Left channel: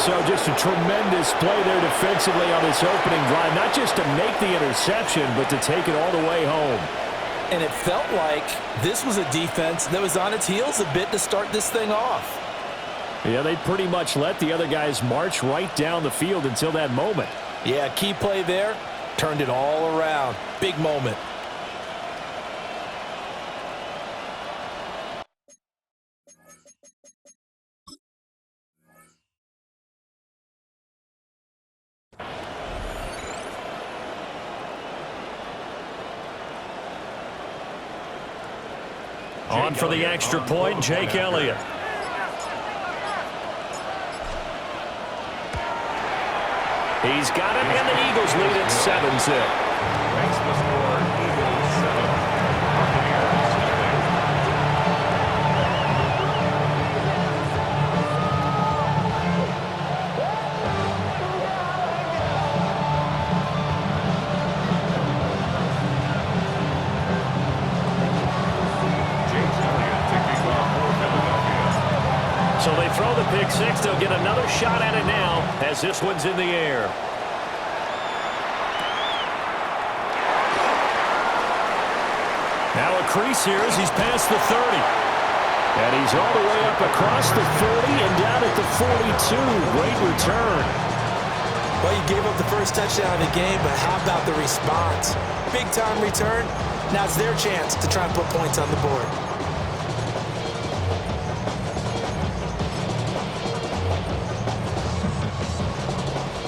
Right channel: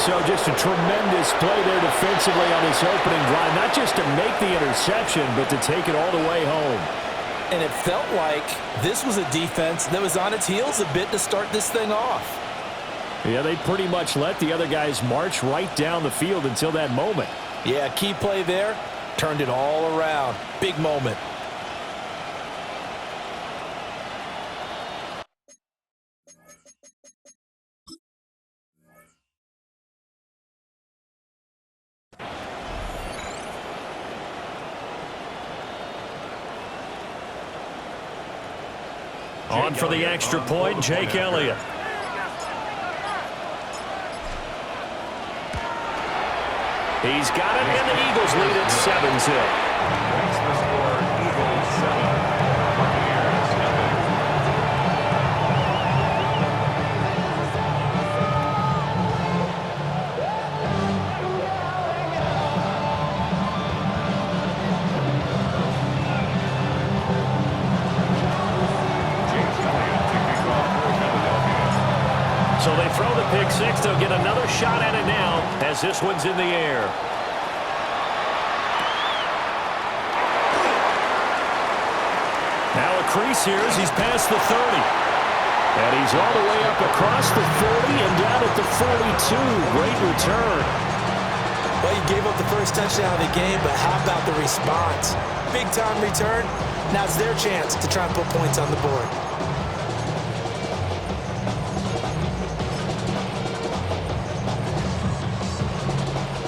So just a tremendous play there defensively on this opening drive. Not just to make the interception, but to take it all the way home. And it felt like this was a defense that was on its heels a bit to start this thing off. Yeah, they pretty much let the other guys march right down the field until that moment. Yeah, key play there. Turned it all around. Big moment. On for the extra point, Jake Elliott. He's got it, and the Eagles lead at 7-0. Makes the score Eagles 7, Buccaneers nothing. Jake Elliott to kick off for Philadelphia. So they throw the pick six. They'll get another shot at it now as this one's in the air. Now a crease here as he's past the 30. And he's all the way up across the 40 and down at the 42. Great return. Well, you gave up the first touchdown of the game, but how about the response? Big-time return. Now it's their chance to try and put points on the board.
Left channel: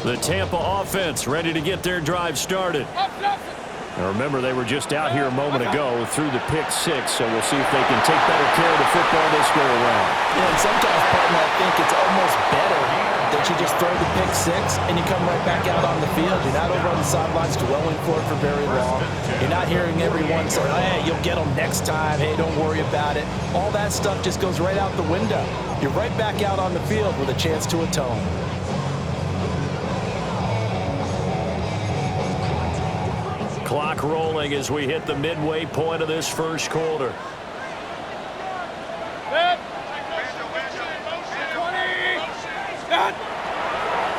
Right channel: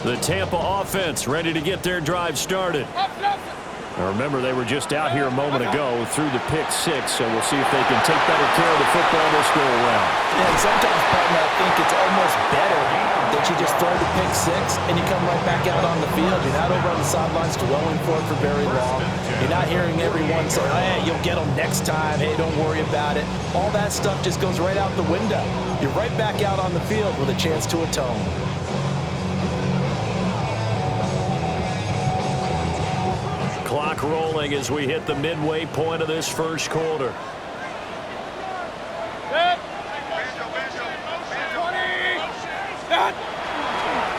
The Tampa offense ready to get their drive started. Now remember, they were just out here a moment ago through the pick six, so we'll see if they can take better care of the football this go-around. Yeah, and sometimes, partner, I think it's almost better that you just throw the pick six and you come right back out on the field. You're not over on the sidelines dwelling for it for very long. You're not hearing everyone say, hey, you'll get them next time. Hey, don't worry about it. All that stuff just goes right out the window. You're right back out on the field with a chance to atone. Clock rolling as we hit the midway point of this first quarter.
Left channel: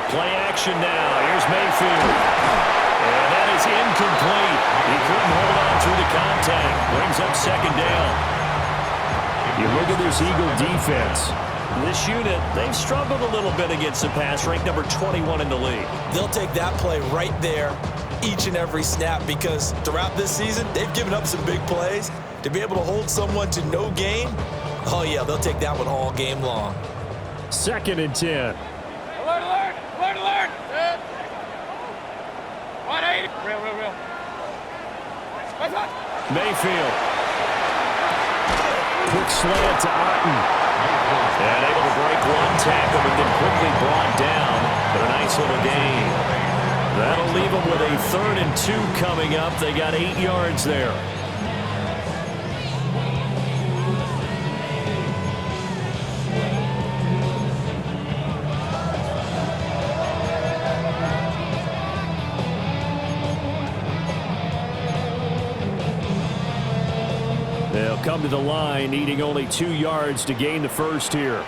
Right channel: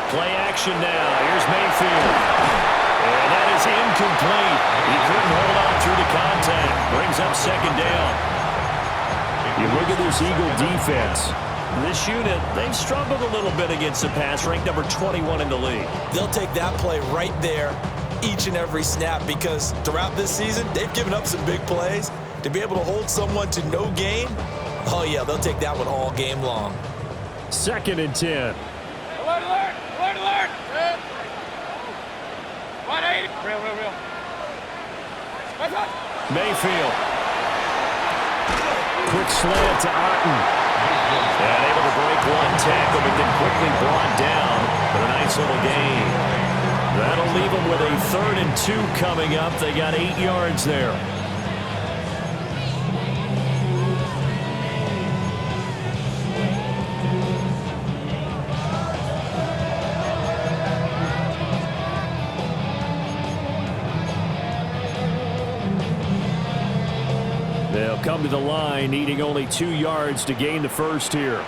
Play action now. Here's Mayfield. And that is incomplete. He couldn't hold on through the contact. Brings up second down. You look at this Eagle defense. This unit, they've struggled a little bit against the pass, ranked number 21 in the league. They'll take that play right there each and every snap because throughout this season, they've given up some big plays. To be able to hold someone to no gain, oh, yeah, they'll take that one all game long. 2nd and 10. Alert, alert, alert, alert. 180. Real. Mayfield. Quick slant to Otten. And able to break one tackle, but then quickly brought down. But a nice little gain. That'll leave them with a 3rd and 2 coming up. They got 8 yards there. They'll come to the line, needing only 2 yards to gain the first here.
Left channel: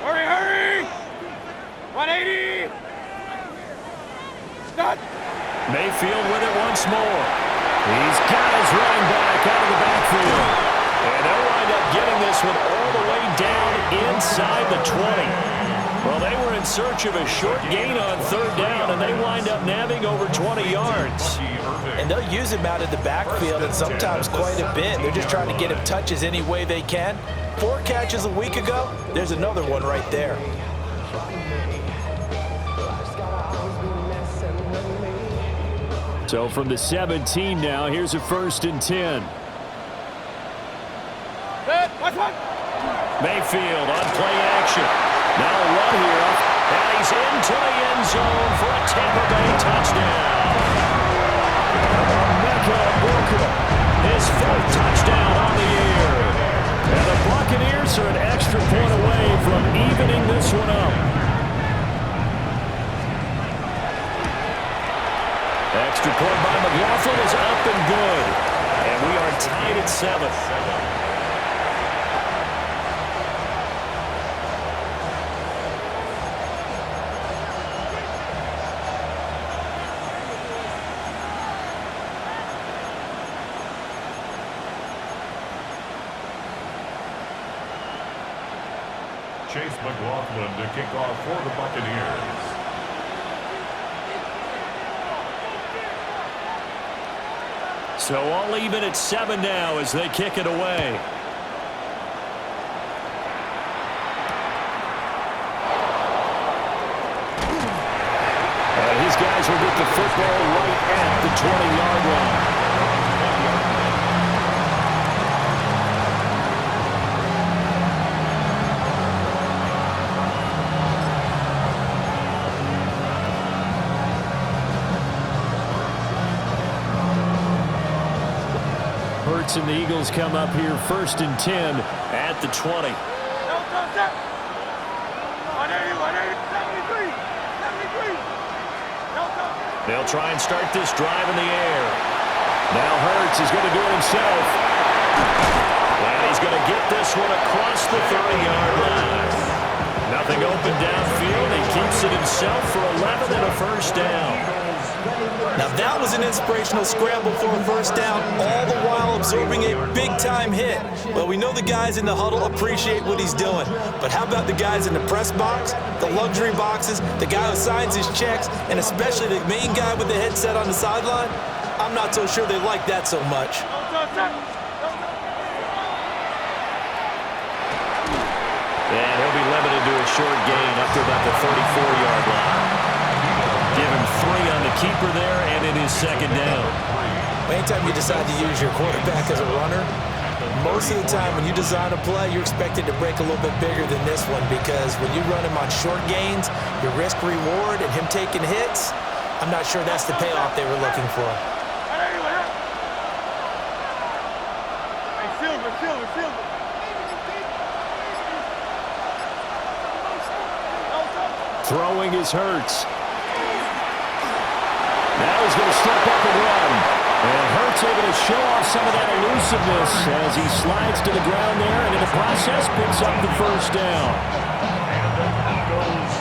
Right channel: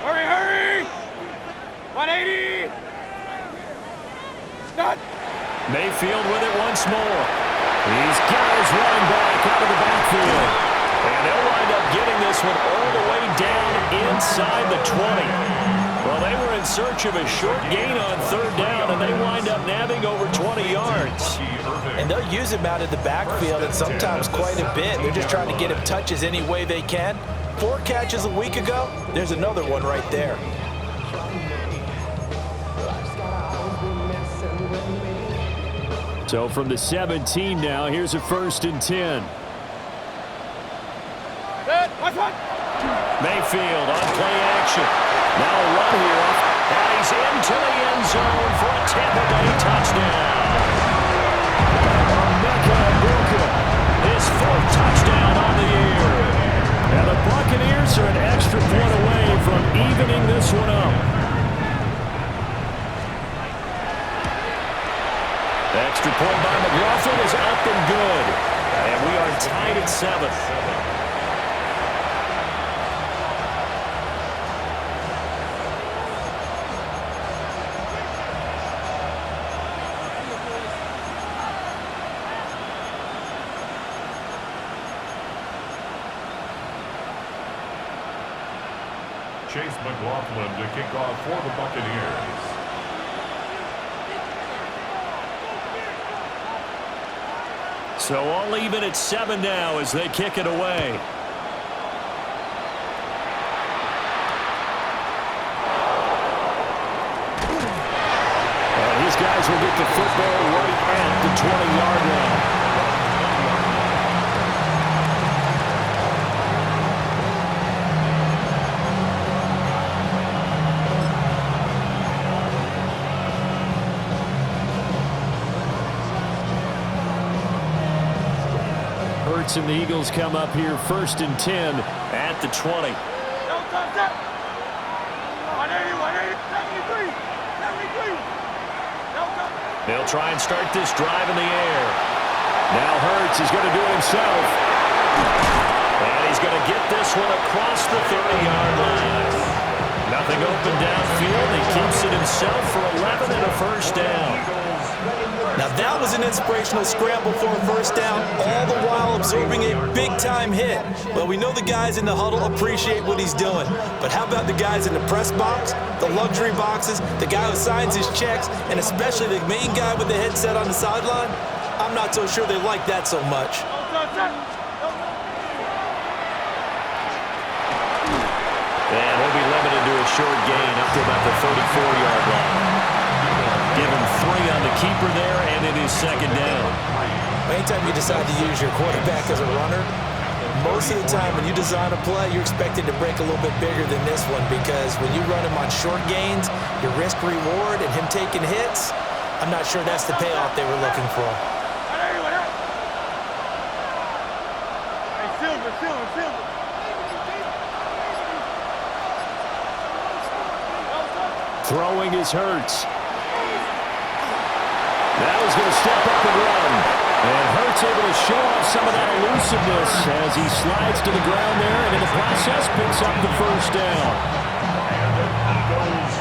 Hurry! 180! Stop! Mayfield with it once more. He's got his running back out of the backfield. And they'll wind up getting this one all the way down inside the 20. Well, they were in search of a short gain on 3rd down, and they wind up nabbing over 20 yards. And they'll use him out of the backfield, and sometimes quite a bit. They're just trying to get him touches any way they can. 4 catches a week ago, there's another one right there. So from the 17 now, here's a 1st and 10. Mayfield on play action. Now a run here, and he's into the end zone for a Tampa Bay touchdown. His 4th touchdown on the year. And the Buccaneers are an extra point away from evening this one up. Extra point by McLaughlin is up and good. And we are tied at 7. Chase McLaughlin to kick off for the Buccaneers. So all even at 7 now as they kick it away. And his guys will get the football right at the 20-yard line. Hurts and the Eagles come up here 1st and 10 at the 20. 180, 180, 73, 73. They'll try and start this drive in the air. Now Hurts is going to do it himself. And he's going to get this one across the 30-yard line. Nothing open downfield. He keeps it himself for 11 and a first down. Now that was an inspirational scramble for a first down, all the while absorbing a big-time hit. Well, we know the guys in the huddle appreciate what he's doing. But how about the guys in the press box, the luxury boxes, the guy who signs his checks, and especially the main guy with the headset on the sideline? I'm not so sure they like that so much. And he'll be limited to a short gain up to about the 34-yard line. Give him 3 on the keeper there, and it is 2nd down. Anytime you decide to use your quarterback as a runner, most of the time when you design a play, you're expected to break a little bit bigger than this one, because when you run him on short gains, your risk-reward and him taking hits, I'm not sure that's the payoff they were looking for. Hey, Silver. Throwing is Hurts. Now he's going to step up and run. And Hurts able to show off some of that elusiveness as he slides to the ground there, and in the process picks up the first down. And the Eagles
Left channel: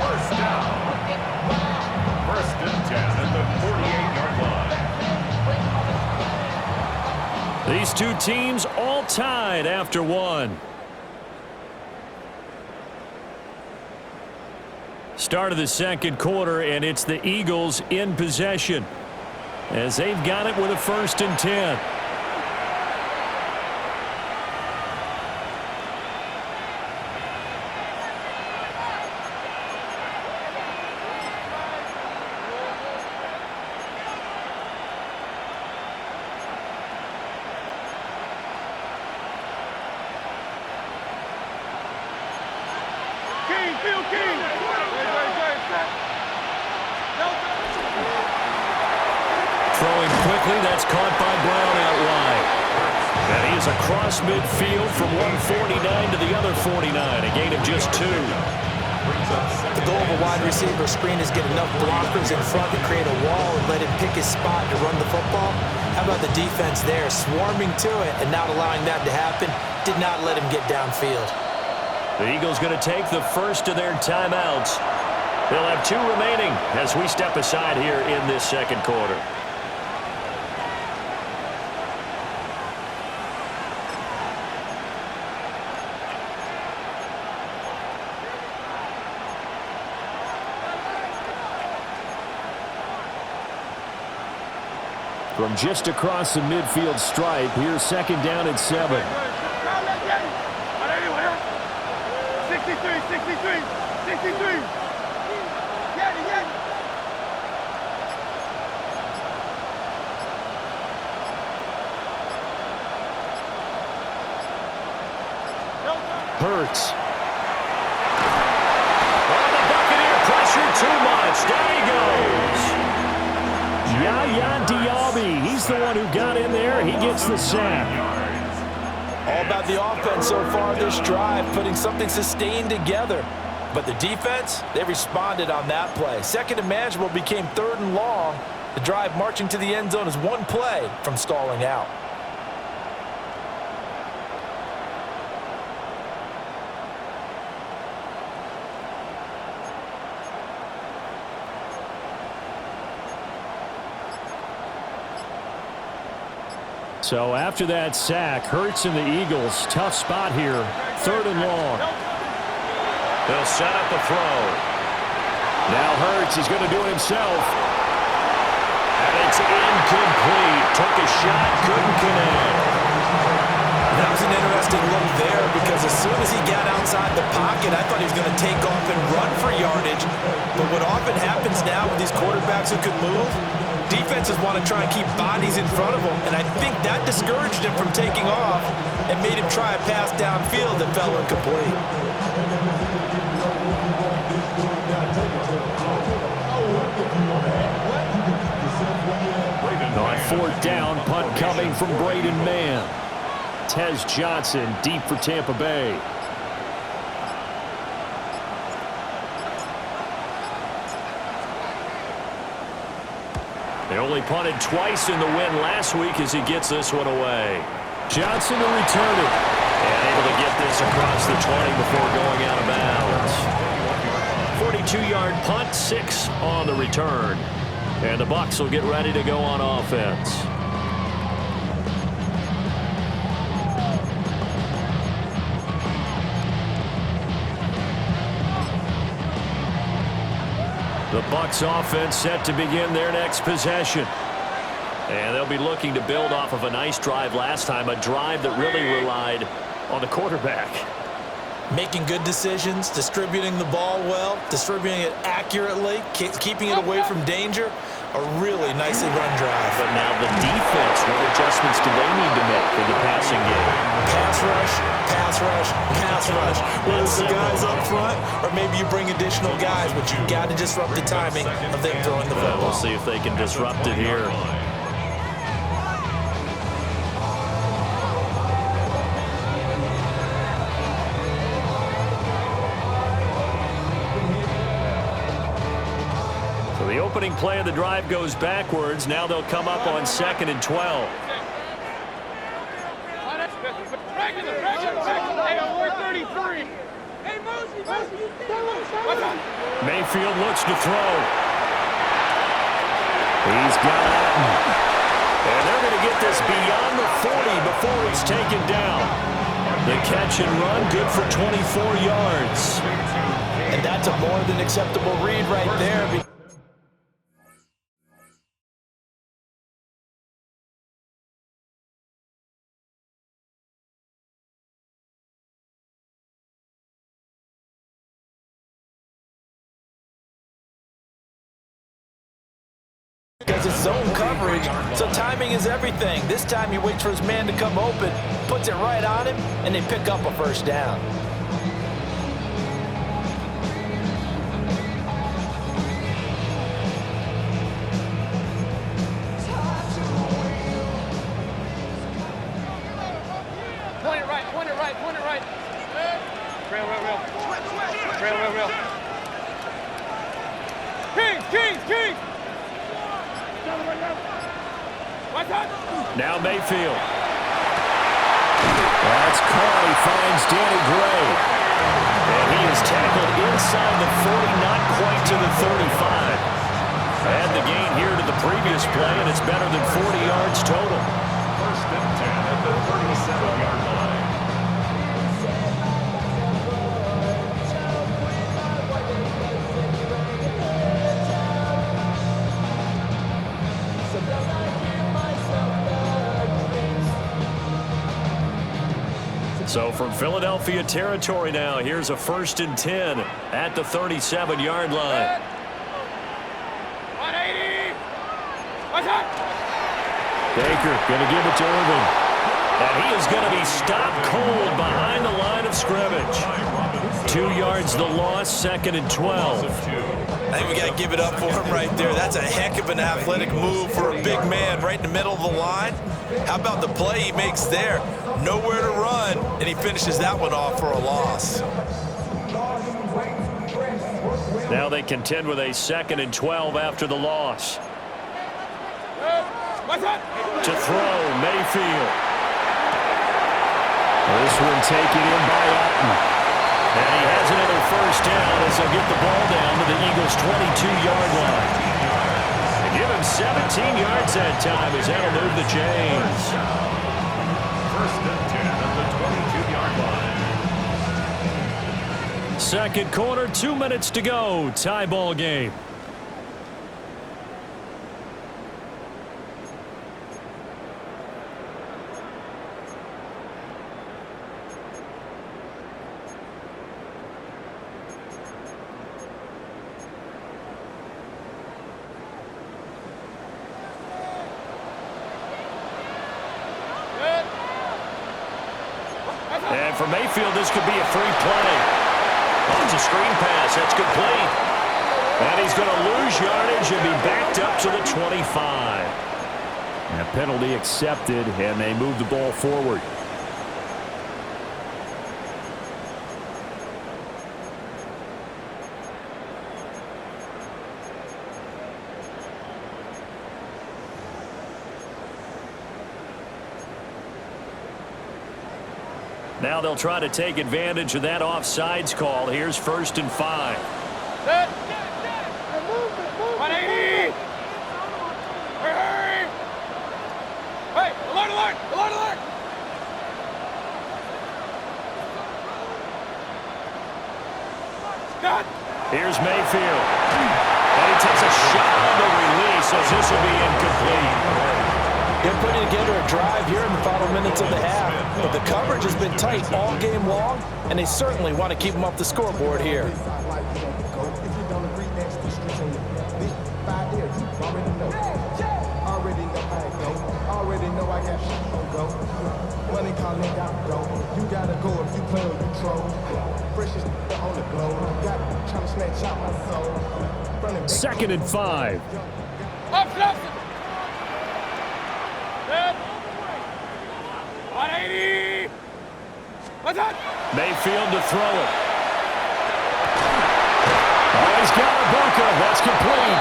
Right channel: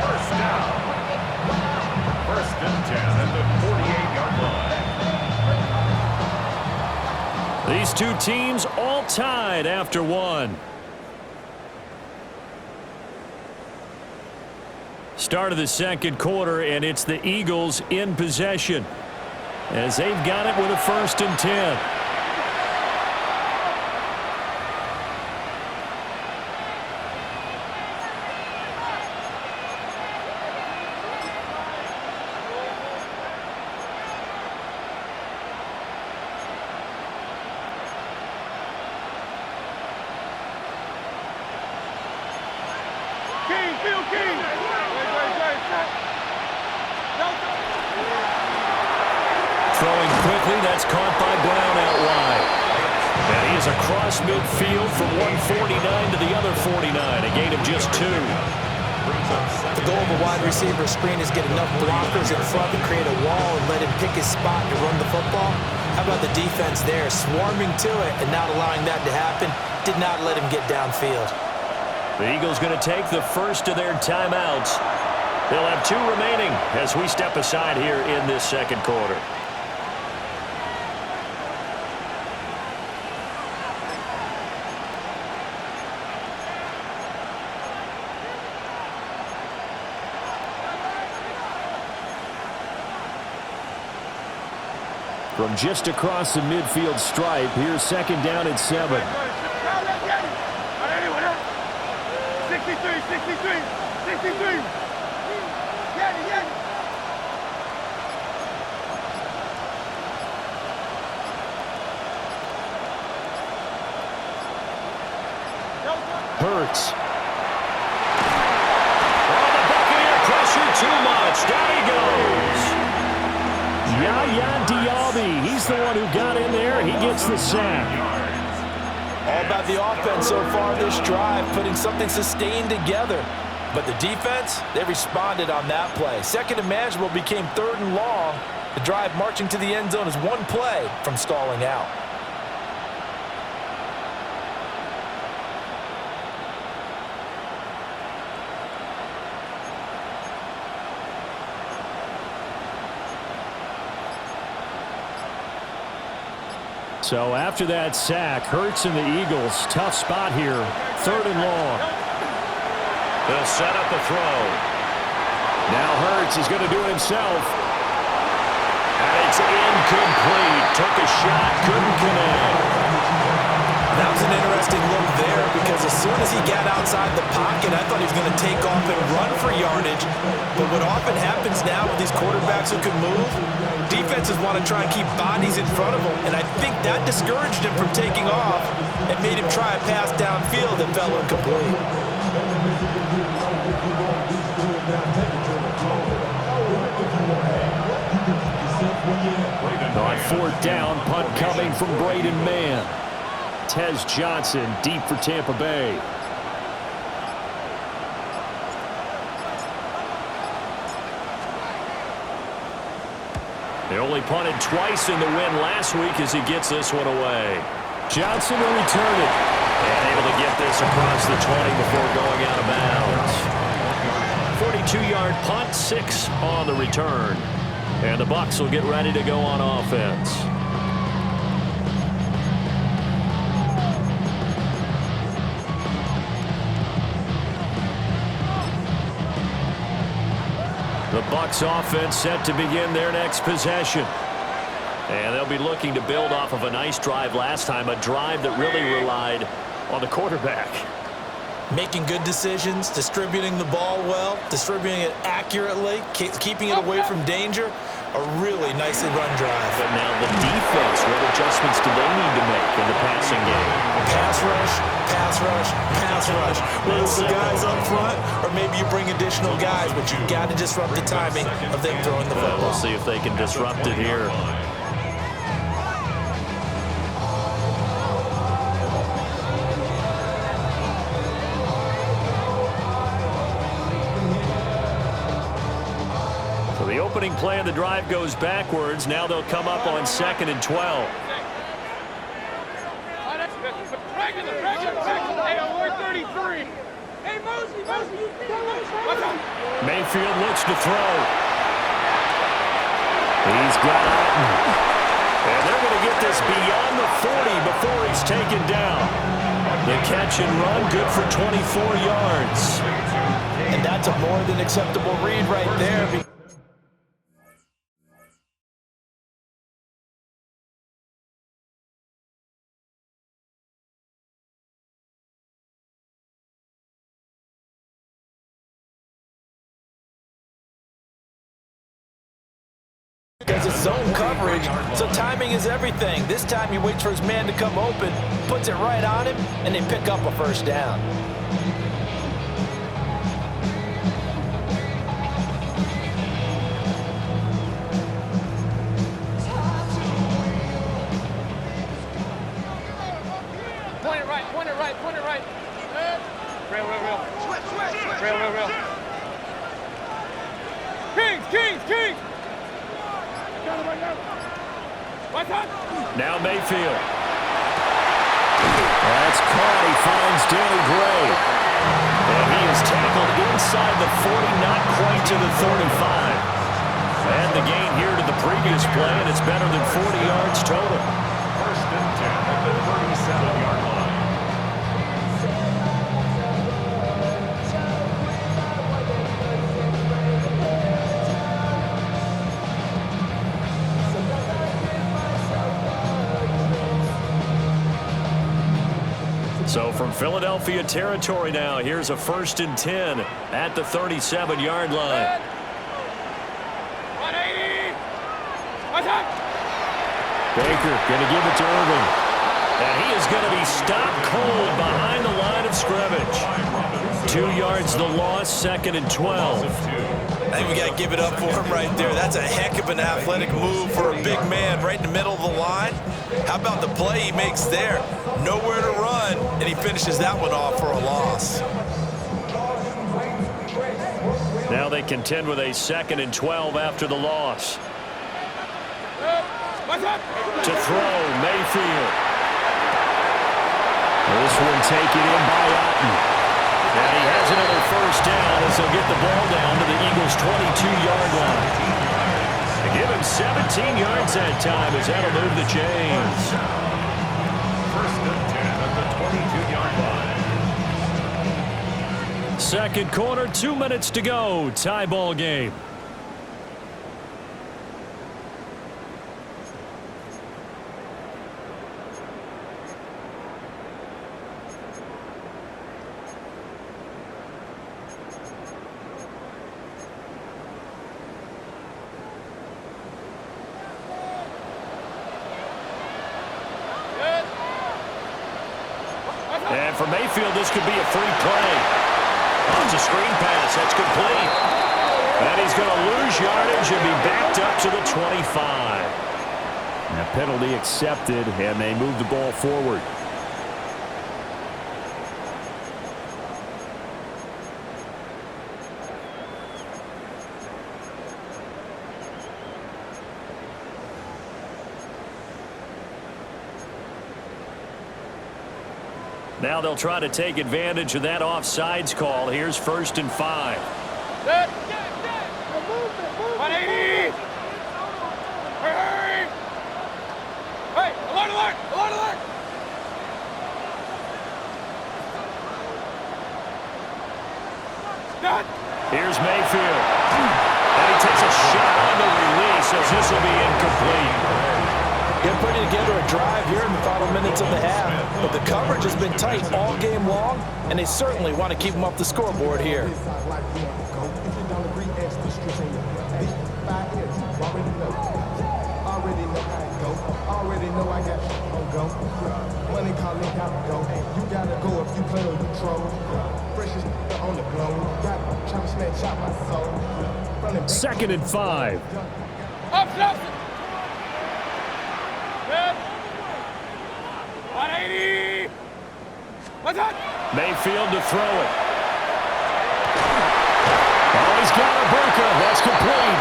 first down. 1st and 10 at the 48-yard line. These two teams all tied after 1. Start of the 2nd quarter, and it's the Eagles in possession as they've got it with a 1st and 10. King. Throwing quickly, that's caught by Brown out wide. And he is across midfield from 149 to the other 49, a gain of just 2. The goal of a wide receiver screen is get enough blockers in front to create a wall and let him pick his spot to run the football. How about the defense there, swarming to it and not allowing that to happen? Did not let him get downfield. The Eagles going to take the first of their timeouts. They'll have 2 remaining as we step aside here in this 2nd quarter. From just across the midfield stripe, here's 2nd down at 7. 63. Hurts. Oh, the Buccaneer pressure too much. Down he goes. Yaya Diaby, he's the one who got in there. He gets the sack. All about the offense so far this drive, putting something sustained together. But the defense, they responded on that play. 2nd and manageable became 3rd and long. The drive marching to the end zone is 1 play from stalling out. So after that sack, Hurts and the Eagles, tough spot here, 3rd and long. They'll set up a throw. Now Hurts, he's going to do it himself. And it's incomplete. Took a shot, couldn't connect. That was an interesting look there because as soon as he got outside the pocket, I thought he was going to take off and run for yardage. But what often happens now with these quarterbacks who can move, defenses want to try and keep bodies in front of them. And I think that discouraged him from taking off and made him try a pass downfield that fell incomplete. On fourth down, punt coming from Braden Mann. Tez Johnson deep for Tampa Bay. They only punted twice in the win last week as he gets this one away. Johnson to return it. And able to get this across the 20 before going out of bounds. 42-yard punt, 6 on the return. And the Bucs will get ready to go on offense. The Bucs offense set to begin their next possession. And they'll be looking to build off of a nice drive last time, a drive that really relied on the quarterback. Making good decisions, distributing the ball well, distributing it accurately, keeping it away from danger. A really nicely run drive. But now the defense, what adjustments do they need to make in the passing game? Pass rush, pass rush, pass rush. Whether it's the guys up front or maybe you bring additional guys, but you've got to disrupt the timing of them throwing the football. We'll see if they can disrupt it here. The opening play of the drive goes backwards. Now they'll come up on 2nd and 12. Mayfield looks to throw. He's got Otten. And they're going to get this beyond the 40 before he's taken down. The catch and run, good for 24 yards. And that's a more than acceptable read right there. Because it's zone coverage, so timing is everything. This time he waits for his man to come open, puts it right on him, and they pick up a first down. Point it right, point it right, point it right. Real. Real. Kings! Now Mayfield. That's caught. He finds Danny Gray. And he is tackled inside the 40, not quite to the 35. And the gain here to the previous play, and it's better than 40 yards total. 1st and 10 at the 37-yard line. So from Philadelphia territory now, here's a 1st and 10 at the 37-yard line. 180. Baker going to give it to Irving. And he is going to be stopped cold behind the line of scrimmage. 2 yards the loss, 2nd and 12. I think we got to give it up for him right there. That's a heck of an athletic move for a big man right in the middle of the line. How about the play he makes there? Nowhere to run, and he finishes that one off for a loss. Now they contend with a 2nd and 12 after the loss. To throw, Mayfield. This one taken in by Otten. And he has another first down as they'll get the ball down to the Eagles' 22-yard line. They give him 17 yards that time as that'll move the chains. 1st and 10 at the 22-yard line. Second quarter, 2 minutes to go. Tie ball game. And for Mayfield, this could be a free play. Oh, it's a screen pass. That's complete. And he's going to lose yardage and be backed up to the 25. And a penalty accepted, and they move the ball forward. Now they'll try to take advantage of that offsides call. Here's 1st and 5. Set. 180. Hurry. Hey, alert, alert, alert, alert. Done. Here's Mayfield. And he takes a shot on the release as this will be incomplete. They're putting together a drive here in the final minutes of the half, but the coverage has been tight all game long, and they certainly want to keep them off the scoreboard here. Already know how it go. Already know I got on go. Money calling, gotta go. You gotta go if you play or you troll. Freshest on the globe. Got trying to snatch out my soul. 2nd and 5. Up, up. 180. What's that? Mayfield to throw it. Oh, he's got Ibuka. That's complete.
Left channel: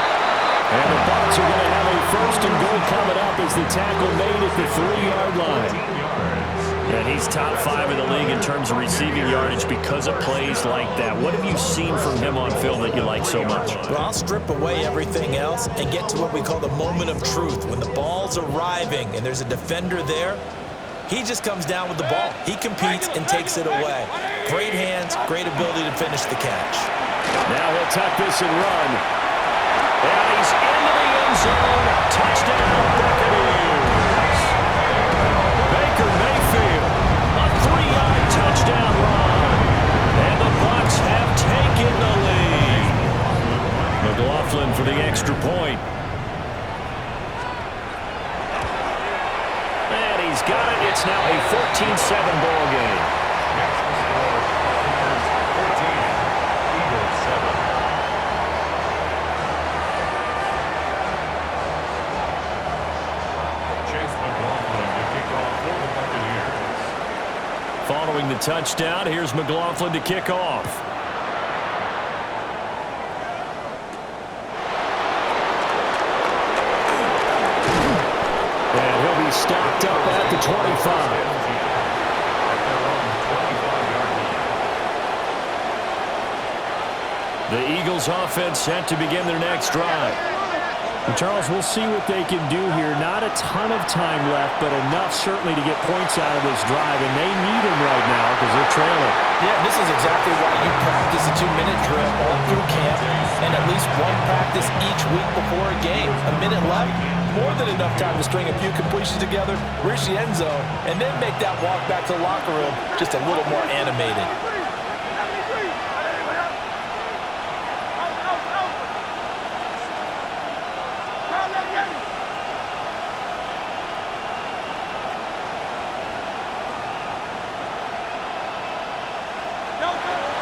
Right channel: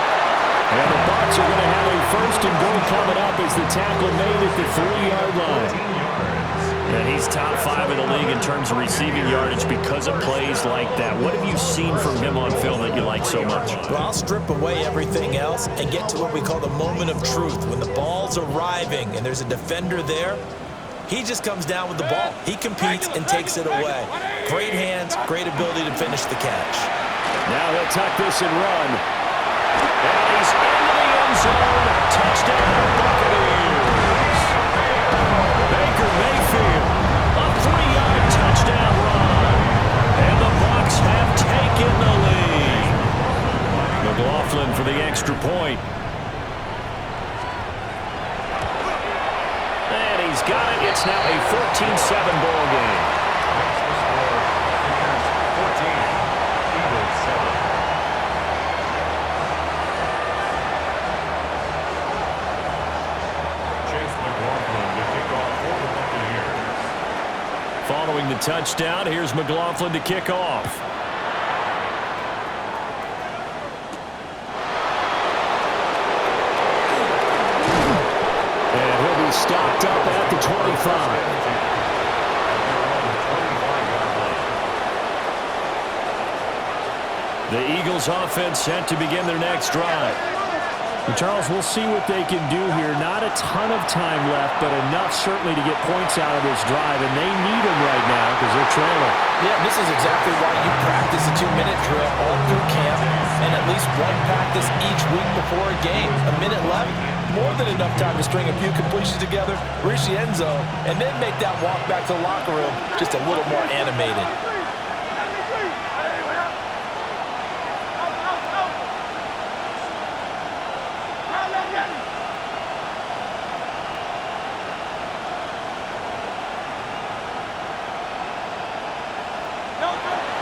And the Bucs are going to have a 1st and goal coming up as the tackle made at the 3-yard line. And he's top 5 in the league in terms of receiving yardage because of plays like that. What have you seen from him on film that you like so much? Well, I'll strip away everything else and get to what we call the moment of truth. When the ball's arriving and there's a defender there, he just comes down with the ball. He competes and takes it away. Great hands, great ability to finish the catch. Now he'll tuck this and run. And he's into the end zone. Touchdown, Buccaneers. Baker Mayfield, a 3-yard touchdown run. And the Bucs have taken the lead. McLaughlin for the extra point. And he's got it. It's now a 14-7 ball game. Makes the score. Bears 14, Eagles 7. McLaughlin to kick off for the Buccaneers. Following the touchdown, here's McLaughlin to kick off. And he'll be stopped up at the 25. At their own 25-yard line. The Eagles offense set to begin their next drive. And Charles, we'll see what they can do here. Not a ton of time left, but enough certainly to get points out of this drive, and they need them right now because they're trailing. Yeah, this is exactly why you practice a 2-minute drill all through camp and at least one practice each week before a game. A minute left, more than enough time to string a few completions together, reach the end zone, and then make that walk back to the locker room just a little more animated.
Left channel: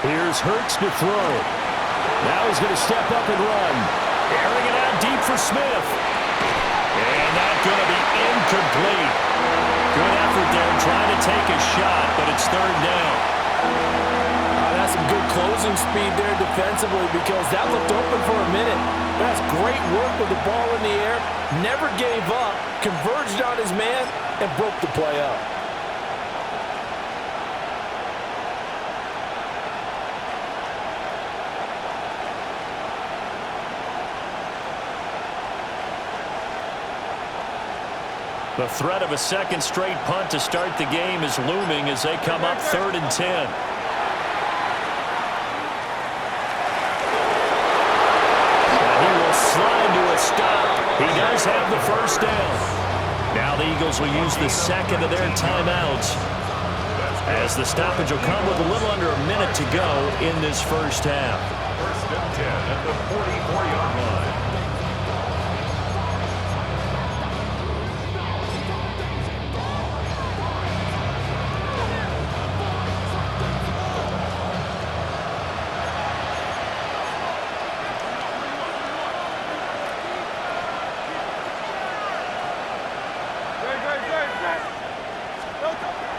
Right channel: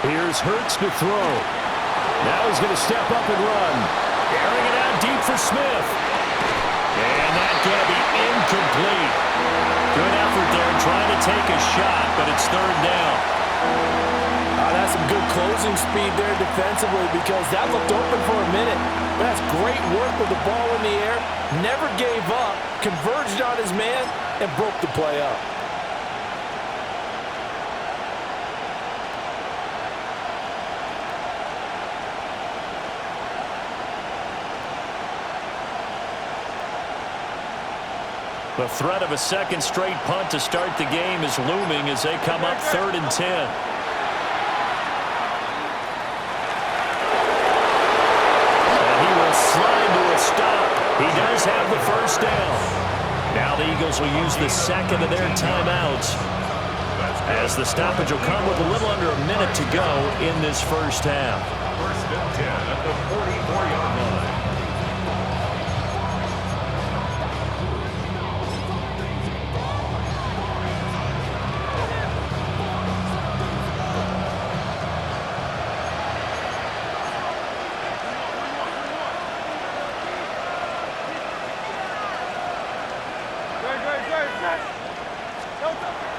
Here's Hurts to throw. Now he's going to step up and run. Airing it out deep for Smith. And that's going to be incomplete. Good effort there trying to take a shot, but it's 3rd down. That's some good closing speed there defensively because that looked open for a minute. But that's great work with the ball in the air. Never gave up, converged on his man, and broke the play up. The threat of a second straight punt to start the game is looming as they come up 3rd and 10. He does have the first down. Now the Eagles will use the second of their timeouts, as the stoppage will come with a little under a minute to go in this first half. First and 10 at the 44-yard line.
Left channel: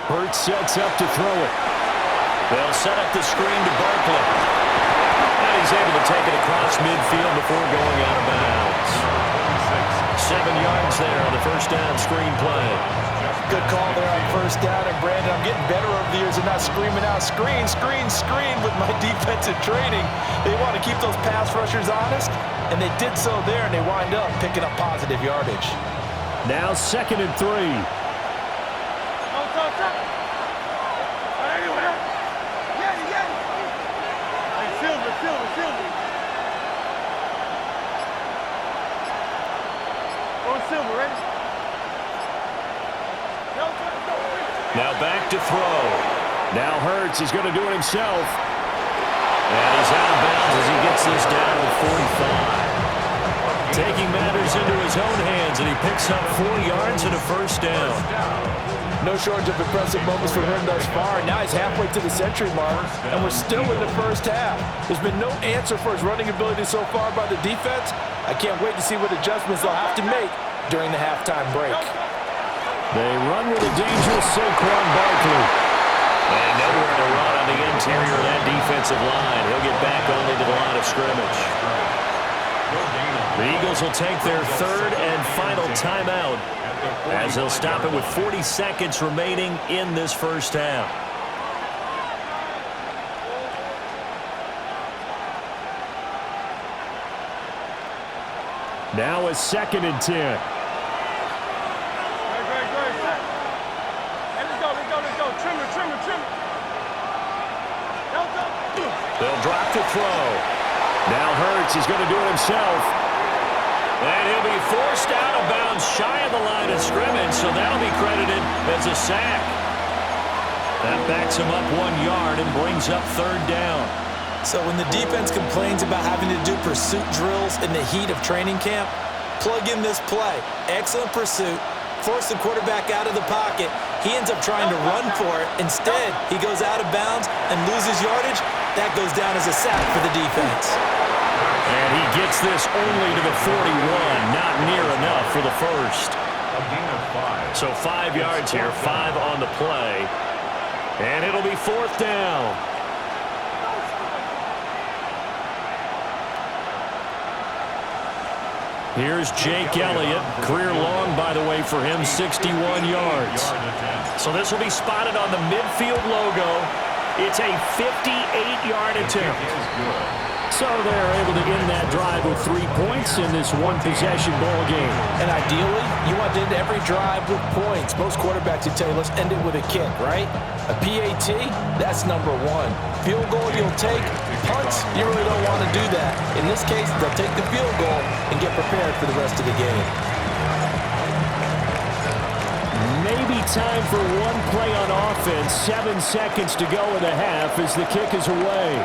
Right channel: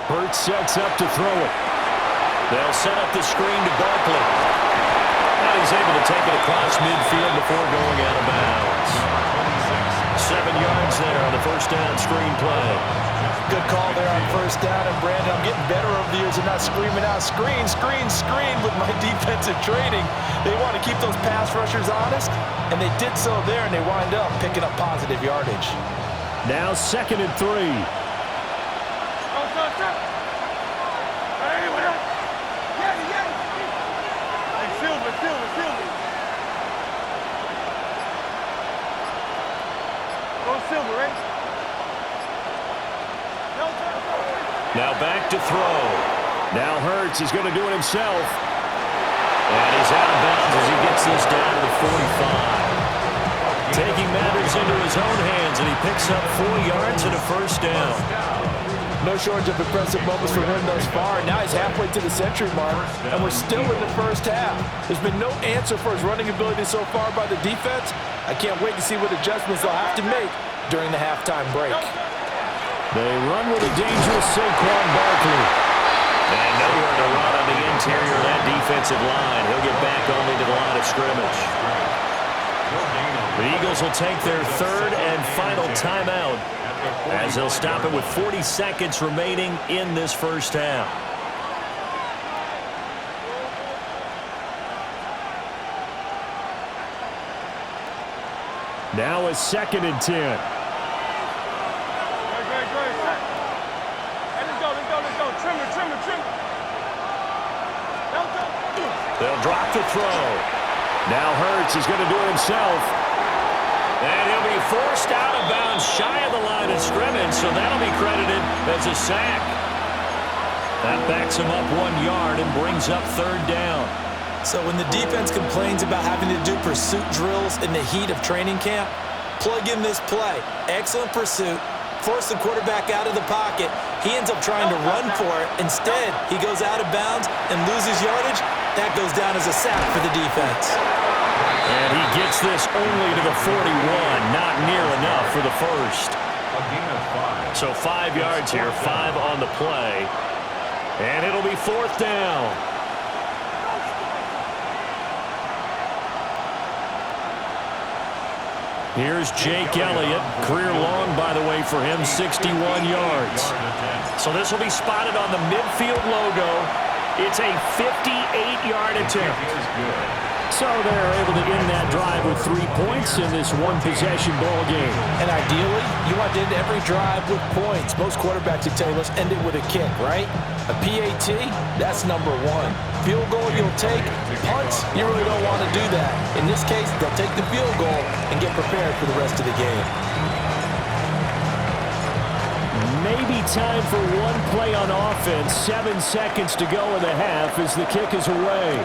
Hurts sets up to throw it. They'll set up the screen to Barkley. And he's able to take it across midfield before going out of bounds. 7 yards there on the first down screen play. Good call there on first down. And, Brandon, I'm getting better over the years and not screaming out, screen, screen, screen with my defensive training. They want to keep those pass rushers honest, and they did so there, and they wind up picking up positive yardage. Now 2nd and 3. Silver, ready? Now back to throw. Now Hurts is going to do it himself. And he's out of bounds as he gets this down to the 45. Taking matters into his own hands, and he picks up 4 yards and a first down. No shortage of impressive moments from him thus far. Now he's halfway to the century mark, and we're still in the first half. There's been no answer for his running ability so far by the defense. I can't wait to see what adjustments they'll have to make during the halftime break. They run with a dangerous Saquon Barkley. And nowhere to run on the interior of that defensive line. He'll get back only to the line of scrimmage. The Eagles will take their 3rd and final timeout, as they'll stop it with 40 seconds remaining in this first half. Now a 2nd and 10. Great. Hey, let's go. Trim it. They'll drop to throw. Now Hurts is going to do it himself. And he'll be forced out of bounds shy of the line of scrimmage, so that'll be credited as a sack. That backs him up 1 yard and brings up 3rd down. So when the defense complains about having to do pursuit drills in the heat of training camp, plug in this play. Excellent pursuit. Force the quarterback out of the pocket. He ends up trying to run for it. Instead, he goes out of bounds and loses yardage. That goes down as a sack for the defense. And he gets this only to the 41. Not near enough for the first. A gain of 5. So 5 yards here, 5 on the play. And it'll be 4th down. Here's Jake Elliott. Career long, by the way, for him, 61 yards. So this will be spotted on the midfield logo. It's a 58-yard attempt. So they're able to end that drive with 3 points in this one-possession ball game. And ideally, you want to end every drive with points. Most quarterbacks would tell you, let's end it with a kick, right? A PAT, that's number 1. Field goal you'll take. Punts, you really don't want to do that. In this case, they'll take the field goal and get prepared for the rest of the game. Maybe time for one play on offense. 7 seconds to go in the half as the kick is away.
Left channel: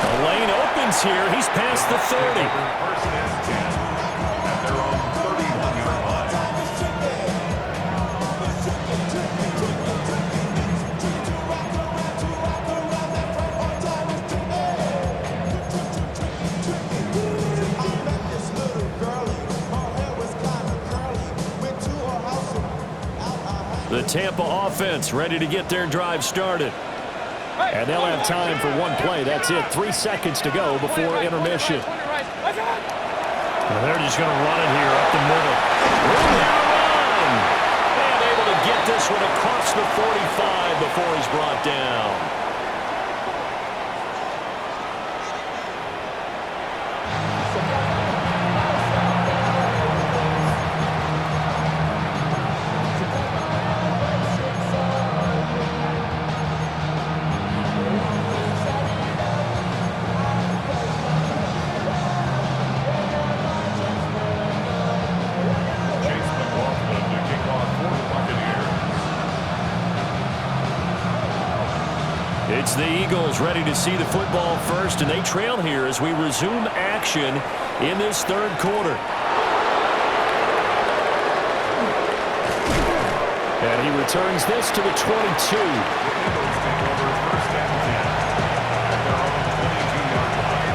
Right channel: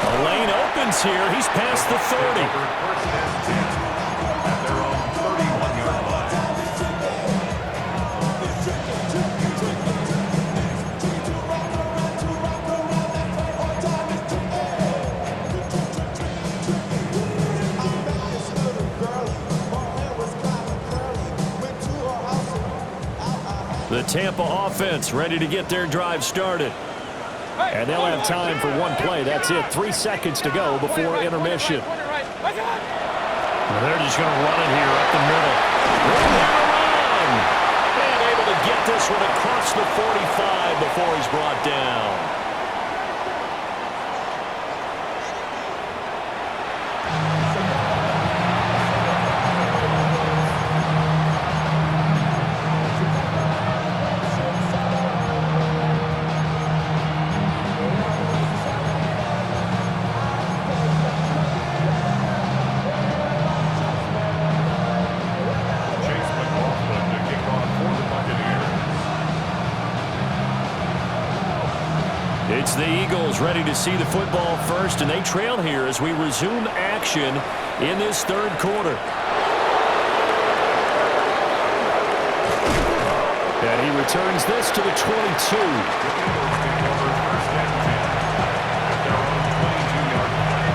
The lane opens here. He's past the 30. First and 10 at their own 31-yard line. The Tampa offense ready to get their drive started. And they'll have time for one play. That's it. 3 seconds to go before intermission. And they're just going to run it here up the middle. Room here to run. And able to get this one across the 45 before he's brought down. It's the Eagles ready to see the football first, and they trail here as we resume action in this third quarter. And he returns this to the 22. The Eagles take over first and 10 at their own 22-yard line.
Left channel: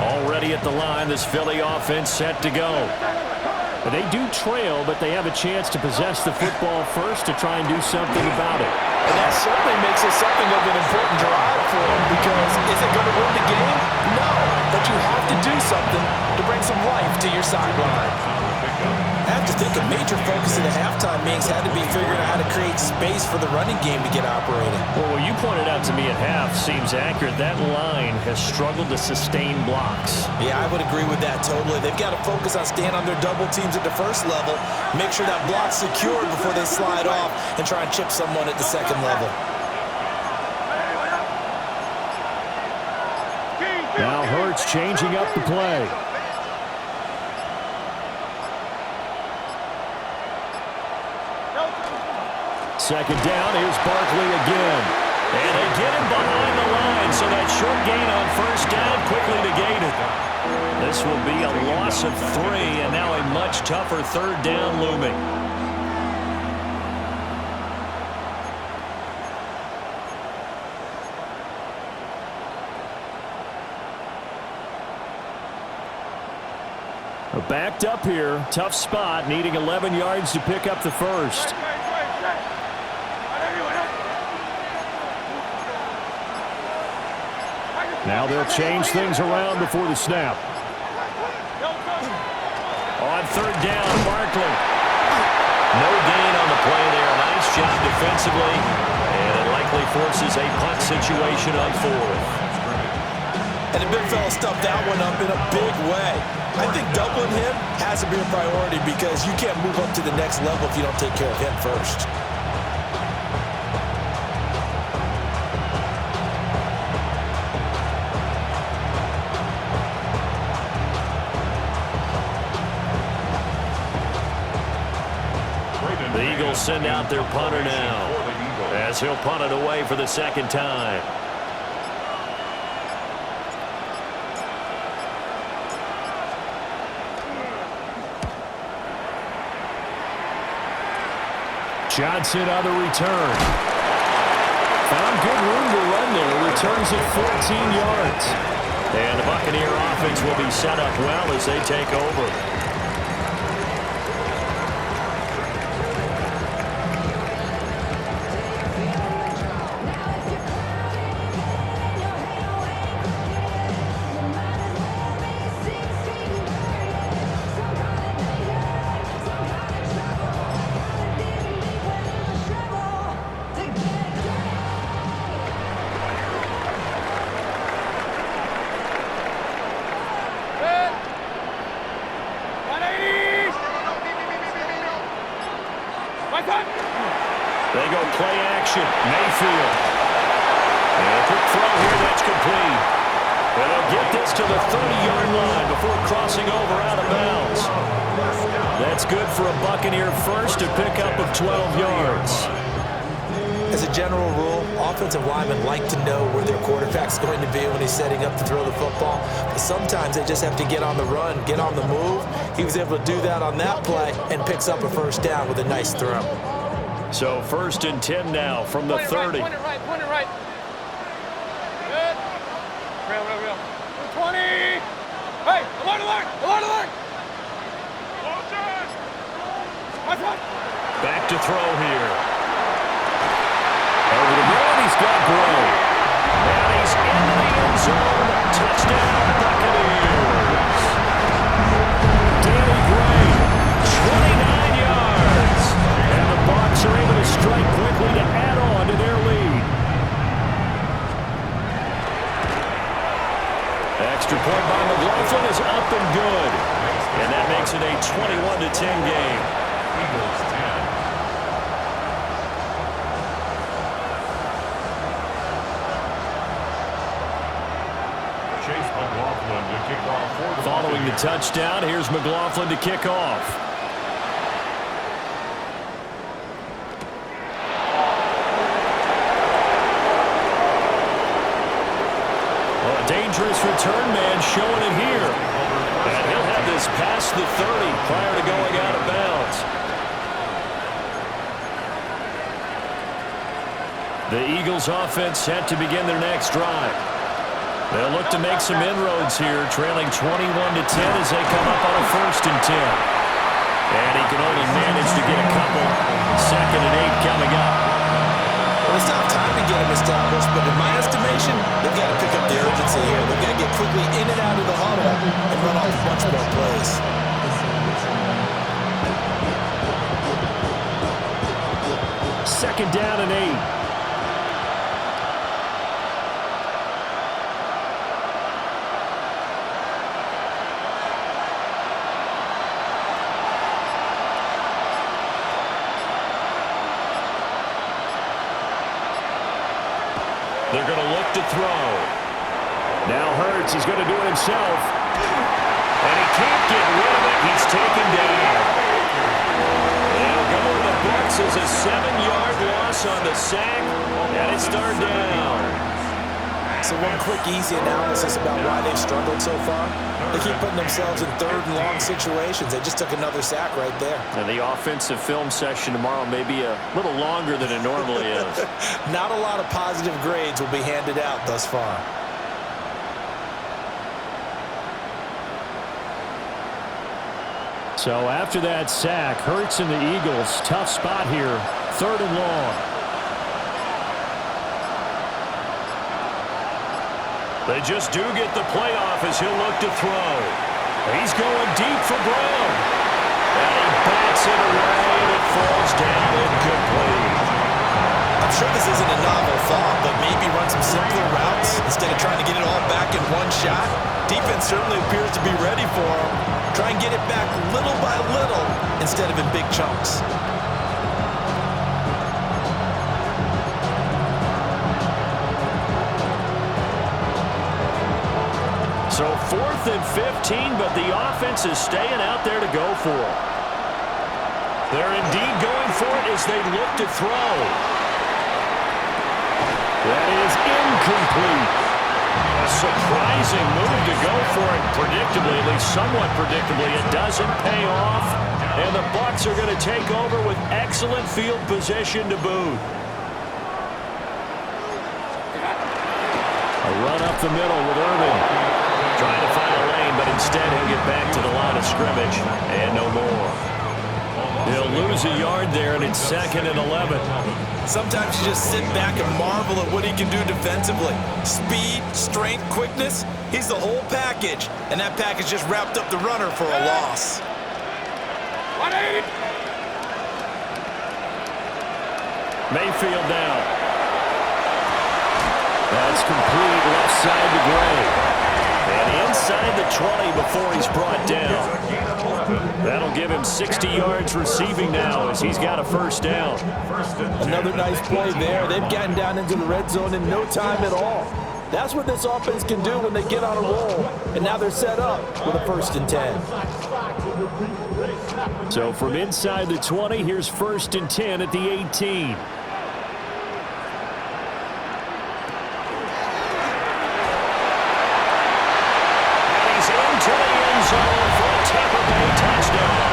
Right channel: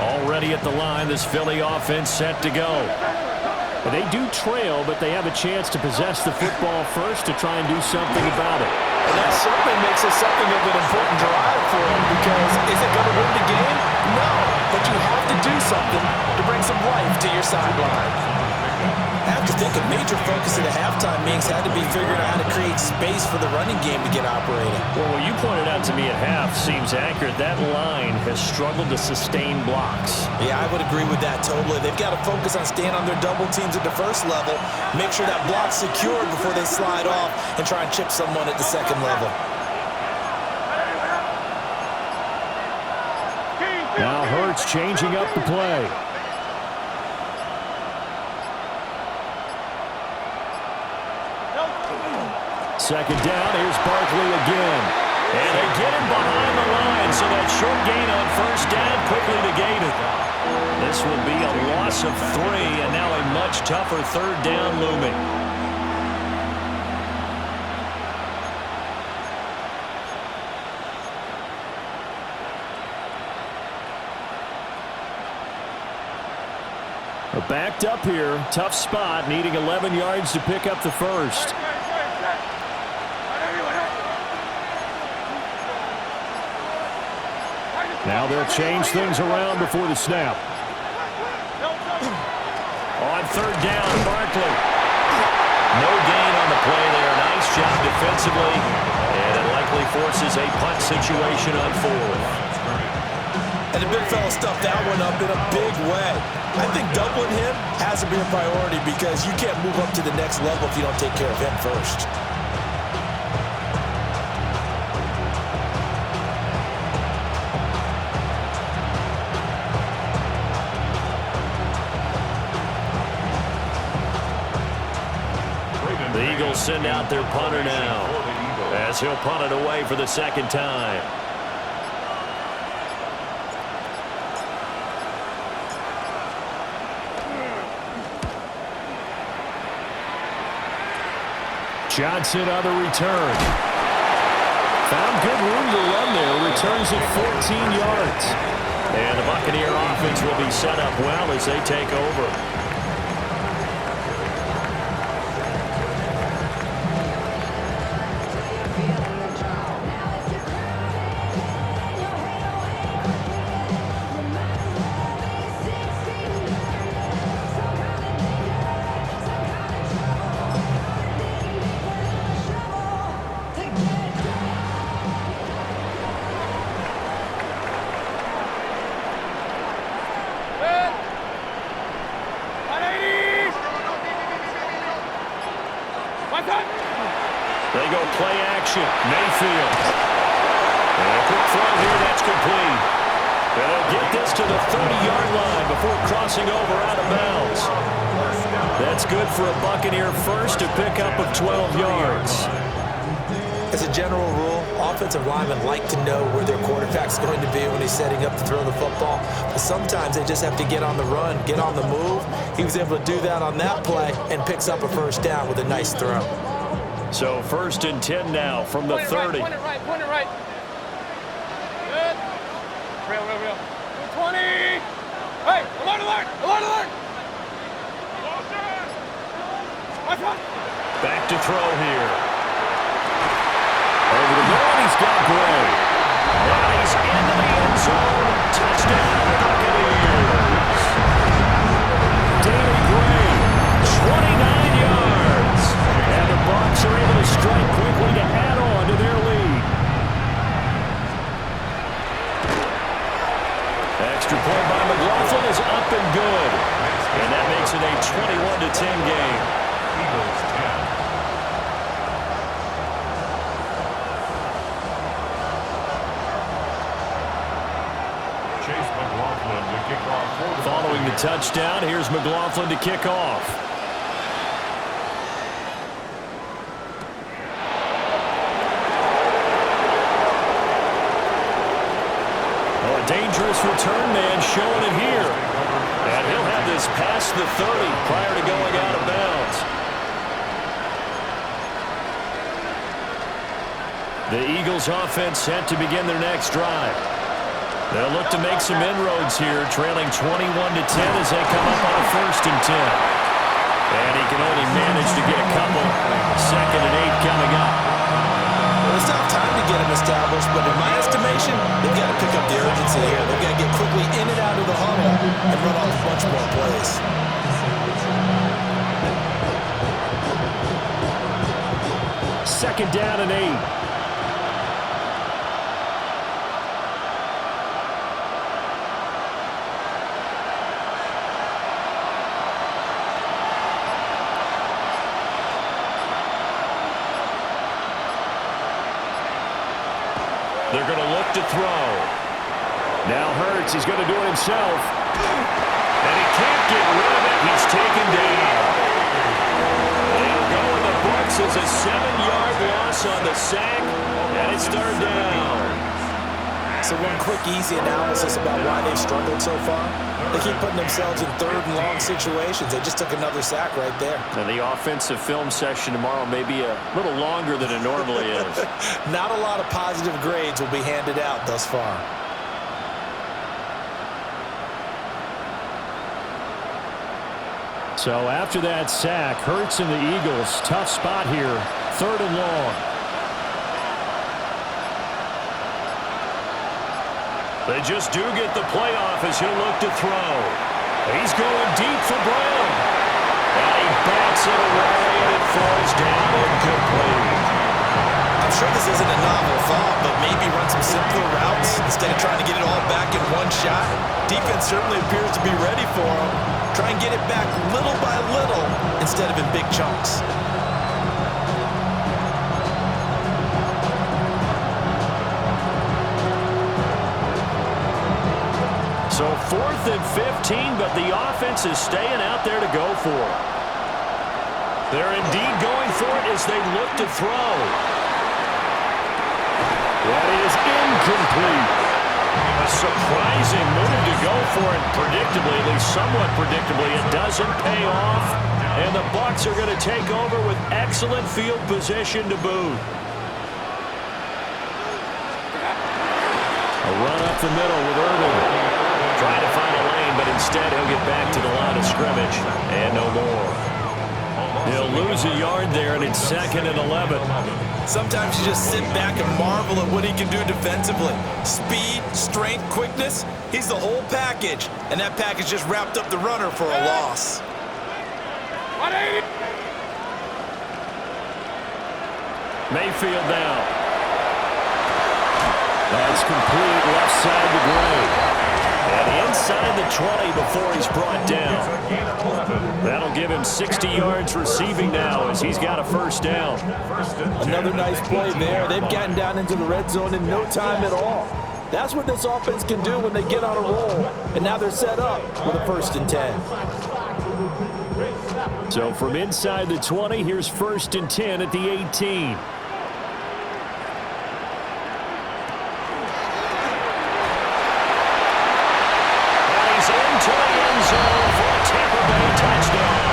Already at the line, this Philly offense set to go. They do trail, but they have a chance to possess the football first to try and do something about it. And that certainly makes it something of an important drive for them, because is it going to win the game? No, but you have to do something to bring some life to your sideline. I have to think a major focus of the halftime meetings had to be figuring out how to create space for the running game to get operating. Well, what you pointed out to me at half seems accurate. That line has struggled to sustain blocks. Yeah, I would agree with that totally. They've got to focus on staying on their double teams at the first level, make sure that block's secured before they slide off, and try and chip someone at the second level. Now Hurts changing up the play. Second down, here's Barkley again. And they get him behind the line, so that short gain on first down quickly negated. This will be a loss of 3, and now a much tougher third down looming. They're backed up here, tough spot, needing 11 yards to pick up the first. Now they'll change things around before the snap. On third down, Barkley. No gain on the play there. Nice job defensively. And it likely forces a punt situation on fourth. And the big fella stuffed that one up in a big way. I think doubling him has to be a priority, because you can't move up to the next level if you don't take care of him first. The Eagles send out their punter now, as he'll punt it away for the second time. Johnson on the return. Found good room to run there. Returns it 14 yards. And the Buccaneer offense will be set up well as they take over. They go play action. Mayfield. And a quick throw here that's complete. And they'll get this to the 30-yard line before crossing over out of bounds. That's good for a Buccaneer first, to pick up of 12 yards. As a general rule, offensive linemen like to know where their quarterback's going to be when he's setting up to throw the football. But sometimes they just have to get on the run, get on the move. He was able to do that on that play and picks up a first down with a nice throw. So first and 10 now from the 30. Point it right. Good. Real. 20. Hey, alert. Back to throw here. Over the middle, and he's got Gray. And he's into the end zone. Touchdown, Buccaneers. Danny Gray, 29 yards. and the Bucs are able to strike quickly to add on to their lead. Extra point by McLaughlin is up and good. And that makes it a 21-10 game. Eagles 10. Chase McLaughlin to kick off for the Following the touchdown. Here's McLaughlin to kick off. Oh, a dangerous return man showing it here. And he'll have this past the 30 prior to going out of bounds. The Eagles offense set to begin their next drive. They'll look to make some inroads here, trailing 21-10 as they come up on a 1st and 10. And he can only manage to get a couple. 2nd and 8 coming up. Well, it's not time to get them established, but in my estimation, they've got to pick up the urgency here. They've got to get quickly in and out of the huddle and run off a bunch more plays. 2nd down and 8. They're going to look to throw. Now Hurts, he's going to do it himself. And he can't get rid of it. He's taken down. They'll go in the books as a 7-yard loss on the sack. And it's 3rd down. So one quick, easy analysis about why they've struggled so far. They keep putting themselves in 3rd and long situations. They just took another sack right there. And the offensive film session tomorrow may be a little longer than it normally is. Not a lot of positive grades will be handed out thus far. So after that sack, Hurts and the Eagles, tough spot here, 3rd and long. They just do get the playoff as he'll look to throw. He's going deep for Brown. And he bats it away, and it falls down incomplete. I'm sure this isn't a novel thought, but maybe run some simpler routes instead of trying to get it all back in one shot. Defense certainly appears to be ready for him. Try and get it back little by little instead of in big chunks. So 4th and 15, but the offense is staying out there to go for it. They're indeed going for it as they look to throw. That is incomplete. A surprising move to go for it predictably, at least somewhat predictably. It doesn't pay off, and the Bucs are going to take over with excellent field position to boot. A run up the middle with Irving. Trying to find a lane, but instead he'll get back to the line of scrimmage, and no more. He'll lose a yard there, and it's 2nd and 11. Sometimes you just sit back and marvel at what he can do defensively. Speed, strength, quickness, he's the whole package. And that package just wrapped up the runner for a loss. Mayfield down. That's complete, left side to Gray. And inside the 20 before he's brought down. That'll give him 60 yards receiving now as he's got a 1st down. Another nice play there. They've gotten down into the red zone in no time at all. That's what this offense can do when they get on a roll. And now they're set up with a 1st and 10. So from inside the 20, here's 1st and 10 at the 18. Into the end zone for a Tampa Bay touchdown.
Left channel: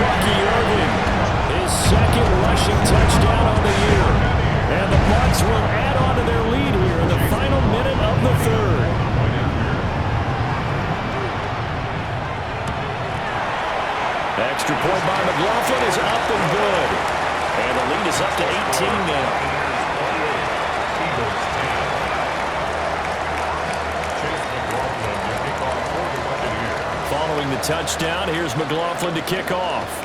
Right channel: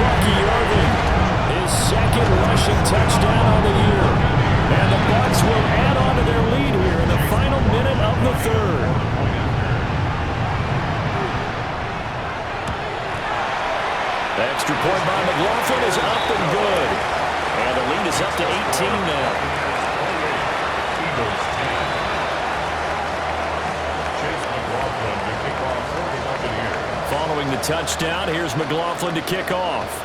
Bucky Irving, his 2nd rushing touchdown on the year. And the Bucs will add on to their lead here in the final minute of the 3rd. Extra point by McLaughlin is up and good. And the lead is up to 18 now. Eagles 10. Following the touchdown, here's McLaughlin to kick off.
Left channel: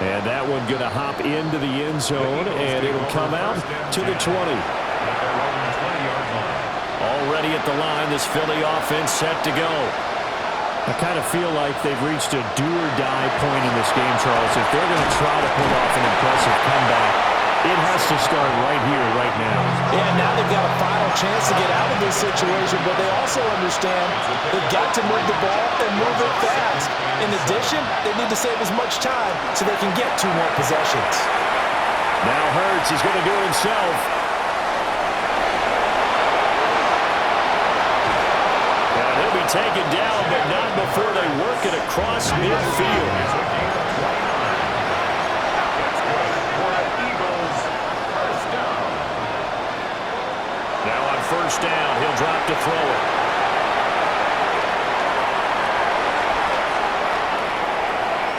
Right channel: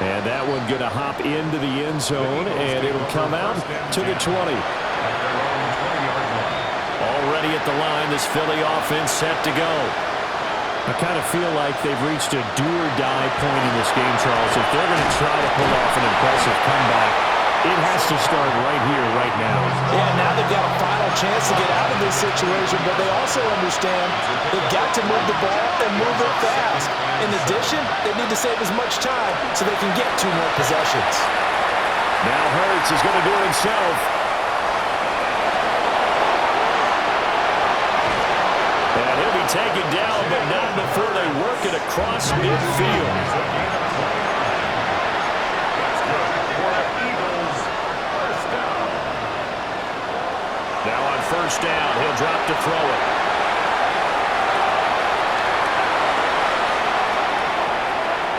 And that one going to hop into the end zone, and it'll come out to the 20. Already at the line, this Philly offense set to go. I kind of feel like they've reached a do-or-die point in this game, Charles. If they're going to try to pull off an impressive comeback, It has to start right here, right now. Yeah, now they've got a final chance to get out of this situation, but they also understand they've got to move the ball and move it fast. In addition, they need to save as much time so they can get 2 more possessions. Now Hurts is going to do it himself. And he'll be taken down, but not before they work it across midfield. That's good for the Eagles. First down. Now on first down, he'll drop to throw it.